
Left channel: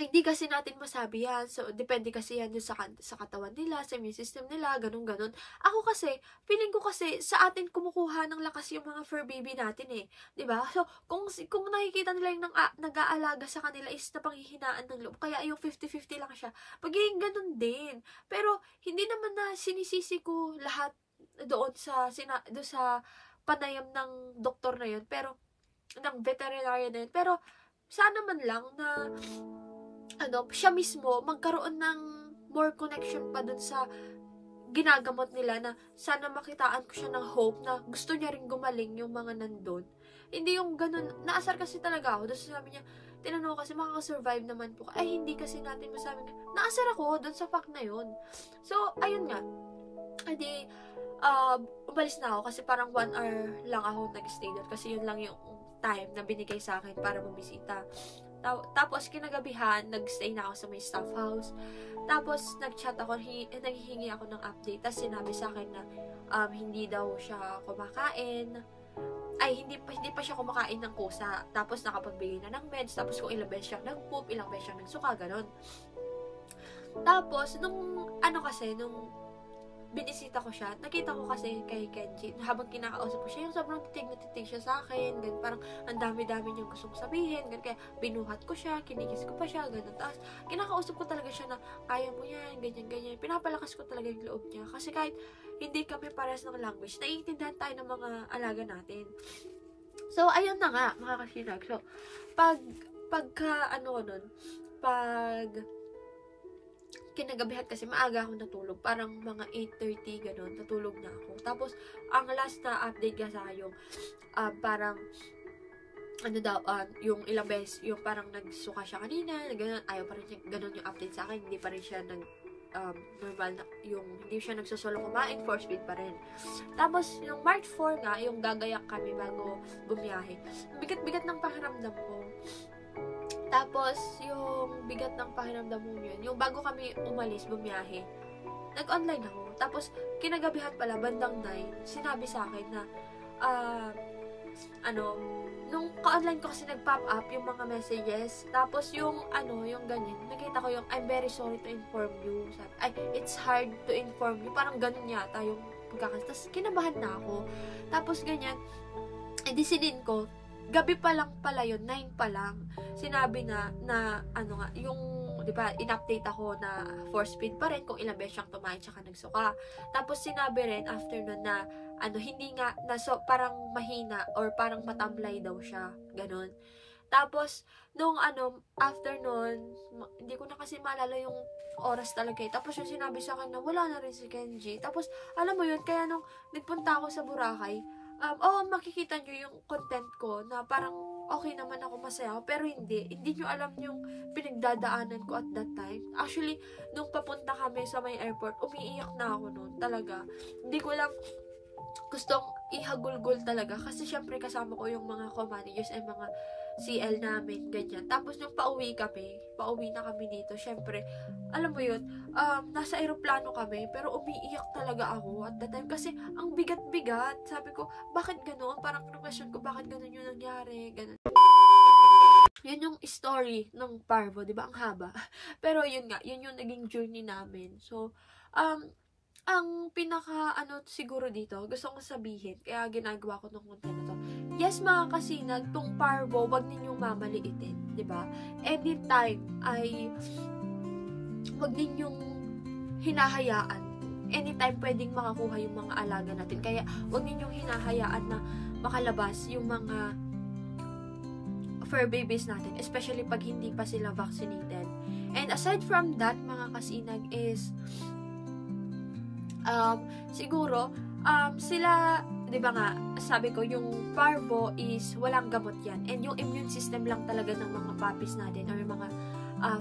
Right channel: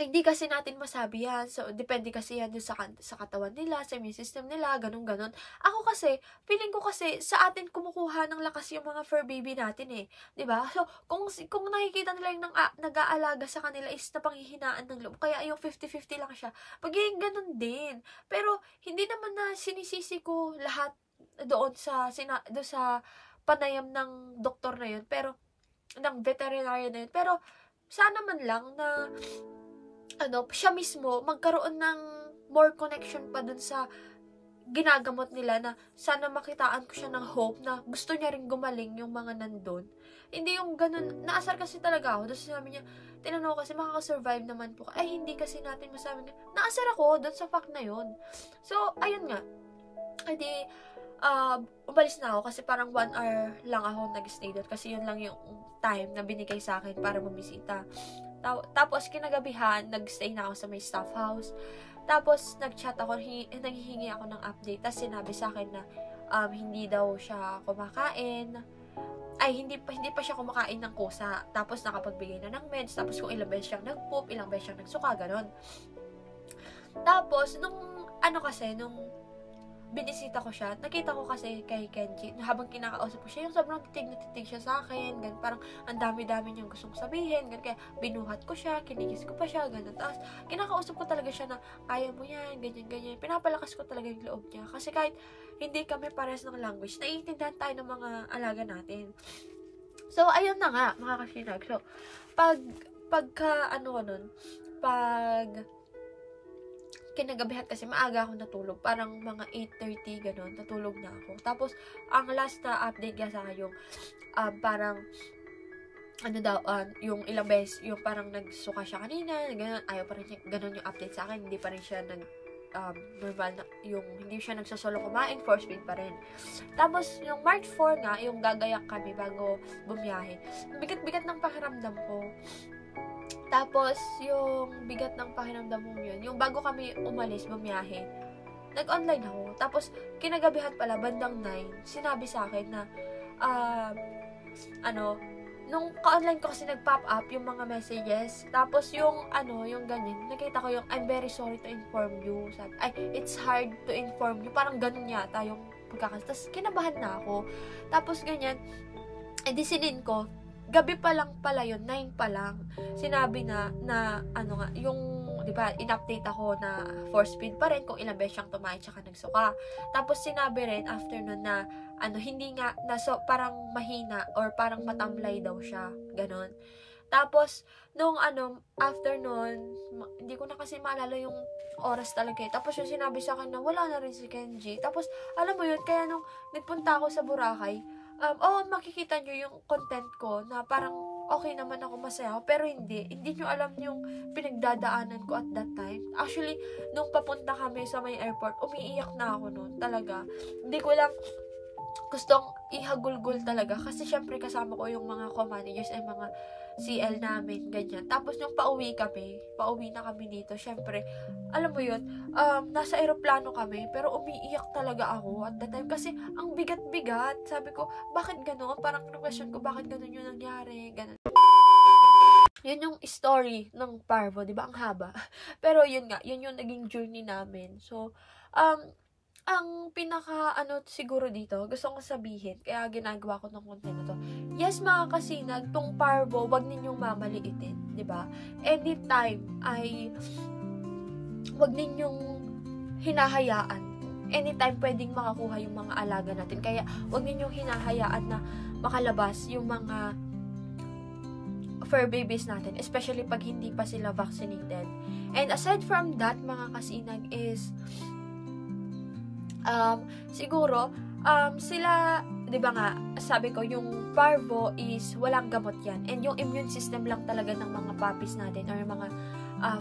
hindi kasi natin masabi yan. So, depende kasi yan dun sa katawan nila, sa immune system nila, ganun-ganun. Ako kasi, feeling ko kasi, sa atin kumukuha ng lakas yung mga fur baby natin eh. 'Di ba? So, kung nakikita nila yung nag-aalaga sa kanila is napanghihinaan ng loob, kaya yung 50-50 lang siya, magiging ganun din. Pero, hindi naman na sinisisi ko lahat doon doon sa panayam ng doktor na yun, pero, ng veterinarian na yun. Pero, sana man lang na siya mismo magkaroon ng more connection pa dun sa ginagamot nila, na sana makitaan ko siya ng hope na gusto niya ring gumaling yung mga nandun. Hindi yung ganun, naasar kasi talaga ako. Doon sabi niya, tinanong kasi makakasurvive naman po. Ay, hindi kasi natin masabi na, naasar ako dun sa fact na yun. So, ayun nga. Edi, umalis na ako kasi parang 1 hour lang ako nag-stay doon kasi yun lang yung time na binigay sa akin para bumisita. Tapos, kinagabihan, nag-stay na ako sa may staff house. Tapos, nag-chat ako, nanghihingi ako ng update. Tapos, sinabi sa akin na hindi daw siya kumakain. Ay, hindi pa siya kumakain ng kusa. Tapos, nakapagbigay na ng meds. Tapos, kung ilang beses siyang nag-poop, ilang beses siyang nagsuka, ganon. Tapos, nung binisita ko siya, nakita ko kasi kay Kenji, habang kinakausap ko siya, yung sobrang titig na titig siya sa akin, ganun, parang ang dami-dami niyang gustong sabihin, ganun, kaya binuhat ko siya, kinigis ko pa siya, ganun, tapos kinakausap ko talaga siya na, kaya mo yan, ganyan, pinapalakas ko talaga yung loob niya, kasi kahit hindi kami parehas ng language, naiintindihan tayo ng mga alaga natin. So, ayun na nga, mga kasinag. So, pag kinagabihan kasi maaga ako natulog, parang mga 8:30 ganun, natulog na ako. Tapos ang last na update nga sa akin yung parang yung ilang beses, yung parang nagsuka siya kanina, ganun, ayaw pa rin siya, ganun yung update sa akin, hindi pa rin siya normal na, yung hindi siya nagsosolo kumain, force feed pa rin. Tapos yung March 4 nga, yung gagayak kami bago bumiyahe, bigat-bigat ng pakiramdam ko. Tapos, yung bigat ng pakiramdam mo yun, yung bago kami umalis, bumiyahe, nag-online ako. Tapos, kinagabihan pala, bandang 9, sinabi sa akin na, nung ka-online ko kasi nag-pop up yung mga messages. Tapos, yung ganyan, nakita ko yung, I'm very sorry to inform you. Sabi, it's hard to inform you. Parang ganun yata yung pagkakas. Tapos, kinabahan na ako. Tapos, ganyan, edi sinin ko, gabi pa lang pala yun, 9 pa lang, sinabi na yung, di ba, in-update ako na force feed pa rin kung ilang beses siyang tumain tsaka nagsuka. Tapos, sinabi rin after nun na, hindi nga, parang mahina or parang matamlay daw siya, ganun. Tapos, nung after nun, hindi ko na kasi maalala yung oras talaga eh. Tapos, yung sinabi sa akin na wala na rin si Kenji. Tapos, alam mo yun, kaya nung nagpunta ako sa Boracay, makikita nyo yung content ko na parang okay naman ako, masaya ako, pero hindi nyo alam yung pinagdadaanan ko at that time. Actually, nung papunta kami sa may airport, umiiyak na ako noon, talaga. Hindi ko lang gustong ihagulgol talaga, kasi syempre kasama ko yung mga co-managers ay mga CL namin, ganyan. Tapos nung pauwi na kami dito, syempre, alam mo yun, nasa aeroplano kami, pero umiiyak talaga ako at that time, kasi ang bigat-bigat. Sabi ko, bakit gano'n? Parang question ko, bakit gano'n yung nangyari? Gano'n. Yun yung story ng Parvo, di ba? Ang haba. Pero yun nga, yun yung naging journey namin. So, ang pinaka siguro dito, gusto kong sabihin, kaya ginagawa ko ng content na to. Yes, mga kasinag, tong Parvo, wag ninyong mamaliitin, 'di ba? Anytime ay wag ninyong hinahayaan. Anytime pwedeng makakuha yung mga alaga natin. Kaya wag ninyong hinahayaan na makalabas yung mga fur babies natin, especially pag hindi pa sila vaccinated. And aside from that, mga kasinag, is siguro, sila, di ba nga, sabi ko, yung Parvo is walang gamot yan. And yung immune system lang talaga ng mga puppies natin or mga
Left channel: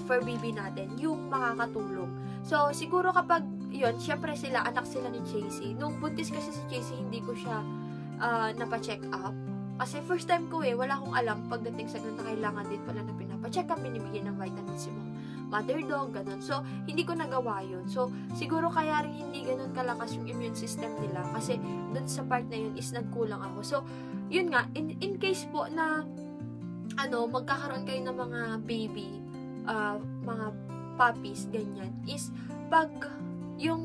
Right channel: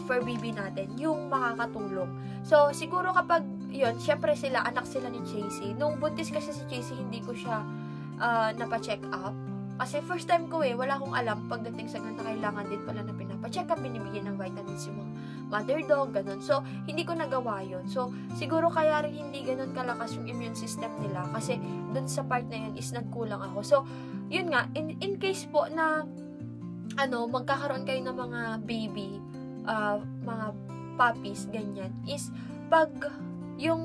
fur baby natin, yung makakatulong. So, siguro kapag, yun, syempre sila, anak sila ni Chasey. Nung buntis kasi si Chasey, hindi ko siya napacheck up. Kasi first time ko wala akong alam pagdating sa ganun na kailangan din pala na pinapacheck up, binibigyan ng vitamins yung mga mother dog, ganun. So, hindi ko nagawa yun. So, siguro kaya rin hindi ganun kalakas yung immune system nila kasi dun sa part na yun is nagkulang ako. So, yun nga, in case po na magkakaroon kayo ng mga baby, mga puppies, ganyan, is pag yung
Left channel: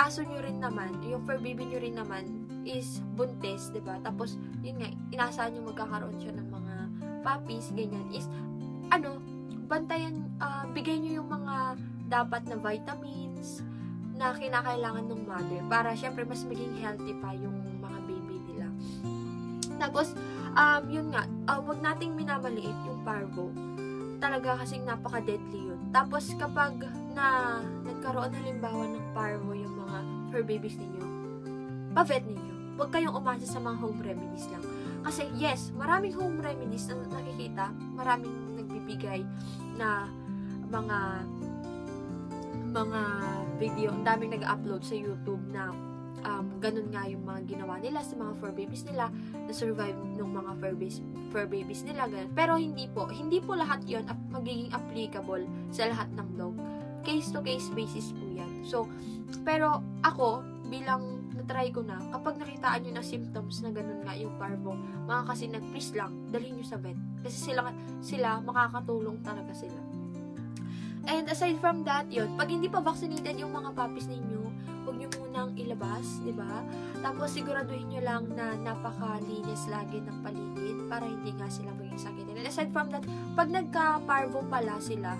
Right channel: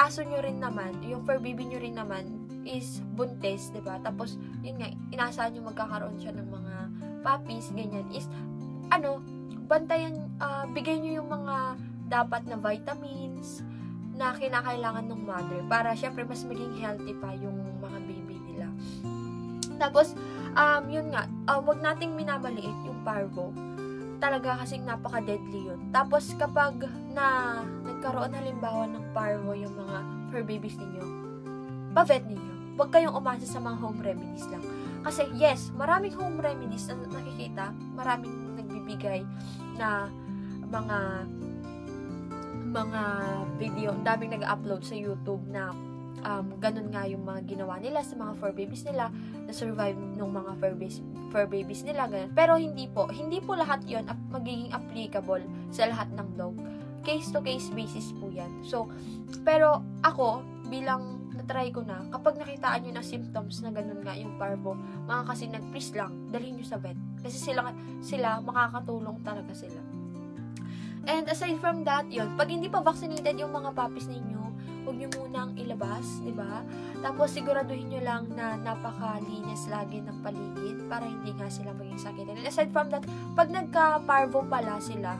aso nyo rin naman, yung fur baby nyo rin naman is buntis, diba? Tapos, yun nga, inaasahan nyo magkakaroon siya ng mga puppies, ganyan, is, bantayan, bigay nyo yung mga dapat na vitamins na kinakailangan ng mother para syempre mas maging healthy pa yung mga baby nila. Tapos, yun nga, wag nating minamaliit yung parvo. Talaga kasing napaka-deadly yun. Tapos, kapag nagkaroon halimbawa ng parvo yung mga fur babies ninyo, pa-vet ninyo. Huwag kayong umasa sa mga home remedies lang. Kasi, yes, maraming home remedies na nakikita, maraming nagbibigay na mga video, ang daming nag-upload sa YouTube na ganun nga yung mga ginawa nila sa mga fur babies nila, na survive ng mga fur babies nila, ganun. Pero hindi po lahat yon magiging applicable sa lahat ng dog. Case to case basis po yan. So, pero ako, bilang na-try ko na, kapag nakitaan nyo ng symptoms na ganun nga yung parvo, mga kasinag, please lang, dalhin nyo sa vet. Kasi sila makakatulong talaga sila. And aside from that, yun, pag hindi pa vaccinated yung mga puppies ninyo, huwag nyo munang ilabas, di ba? Tapos siguraduhin nyo lang na napakalinis lagi ng paligid para hindi nga sila maging sakit. And aside from that, pag nagka-parvo pala sila,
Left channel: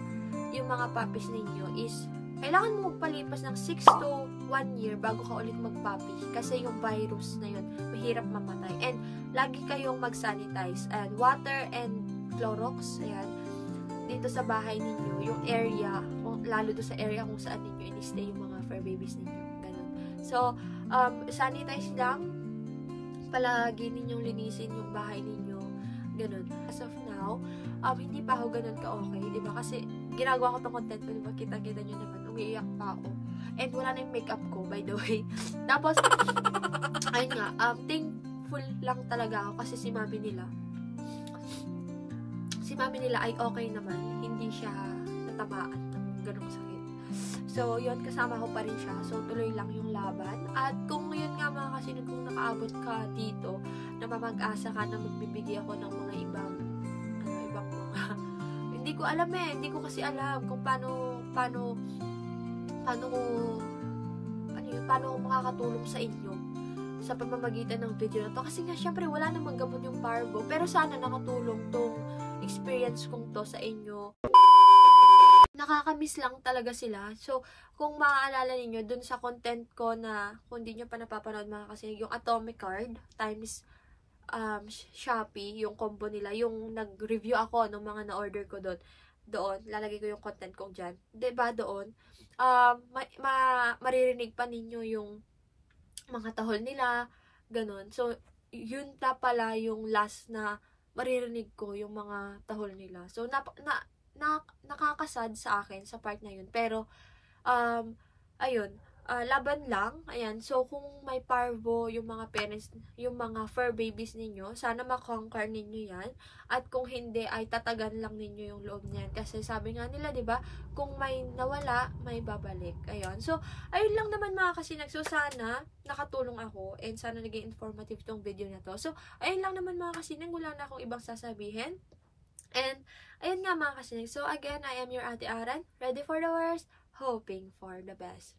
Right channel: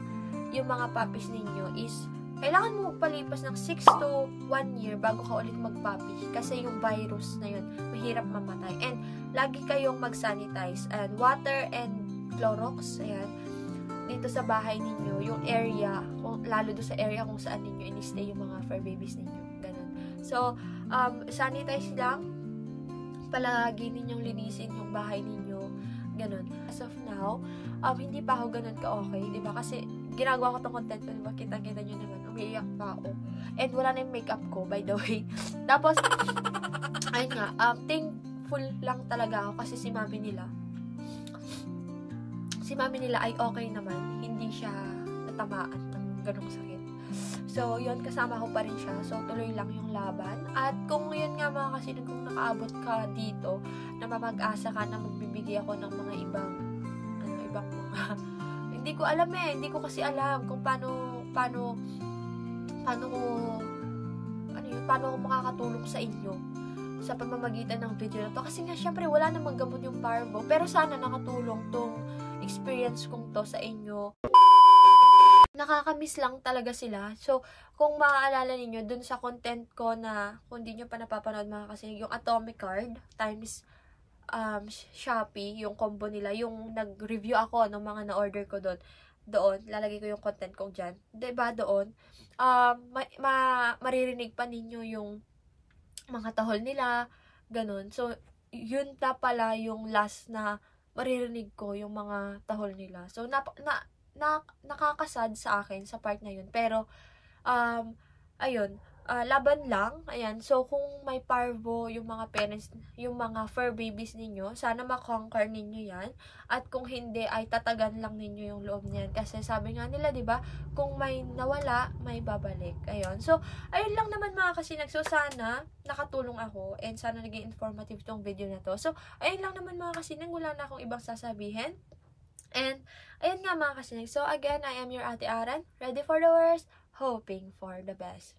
yung mga puppies ninyo is, kailangan mo magpalipas ng 6 to 1 year bago ka ulit magpuppy. Kasi yung virus na yun, mahirap mamatay. And lagi kayong mag-sanitize. And water and Clorox, ayan, dito sa bahay ninyo, yung area, lalo do sa area kung saan ninyo in-stay yung mga fur babies ninyo. Ganun. So, sanitize lang. Palagi ninyong linisin yung bahay ninyo. Ganun. As of now, hindi pa ako ganun ka-okay, di ba? Kasi, ginagawa ko tong content ko, di ba? Kita-kita nyo naman, umiiyak pa ako. And wala na yung makeup ko, by the way. Tapos, ayun nga, thankful lang talaga ako kasi si mami nila ay okay naman. Hindi siya natamaan ng ganong sakit. So, yun, kasama ko pa rin siya. So, tuloy lang yung laban. At kung yun nga mga kasinag, kung nakaabot ka dito, na mamag-asa ka na magbibigay ako ng mga ibang mga, hindi ko alam hindi ko kasi alam kung paano ko makakatulong sa inyo sa pamamagitan ng video na to. Kasi nga, syempre, wala namang gamot yung parvo. Pero sana nakatulong tong experience kong to sa inyo. Nakakamiss lang talaga sila. So, kung maaalala ninyo, dun sa content ko na, kung di nyo pa napapanood mga kasinig, yung Atomic Card times Shopee, yung combo nila, yung nag-review ako ng mga na-order ko doon, lalagay ko yung content kong dyan. Diba doon, maririnig pa ninyo yung mga tahol nila, ganun. So, yun pala yung last na maririnig ko yung mga tahol nila. So, nakakasad sa akin sa part na yun. Pero, ayun, laban lang. Ayan. So, kung may parvo yung mga parents, yung mga fur babies ninyo, sana makonquer ninyo yan. At kung hindi, ay tatagan lang ninyo yung loob niyan. Kasi sabi nga nila, di ba, kung may nawala, may babalik. Ayun. So, ayun lang naman mga kasinag. So, sana nakatulong ako and sana naging informative tong video na to. So, ayun lang naman mga kasinag. Wala na akong ibang sasabihin. And, ayun nga mga kasinag. So, again, I am your Ate Aran. Ready for the worst, hoping for the best.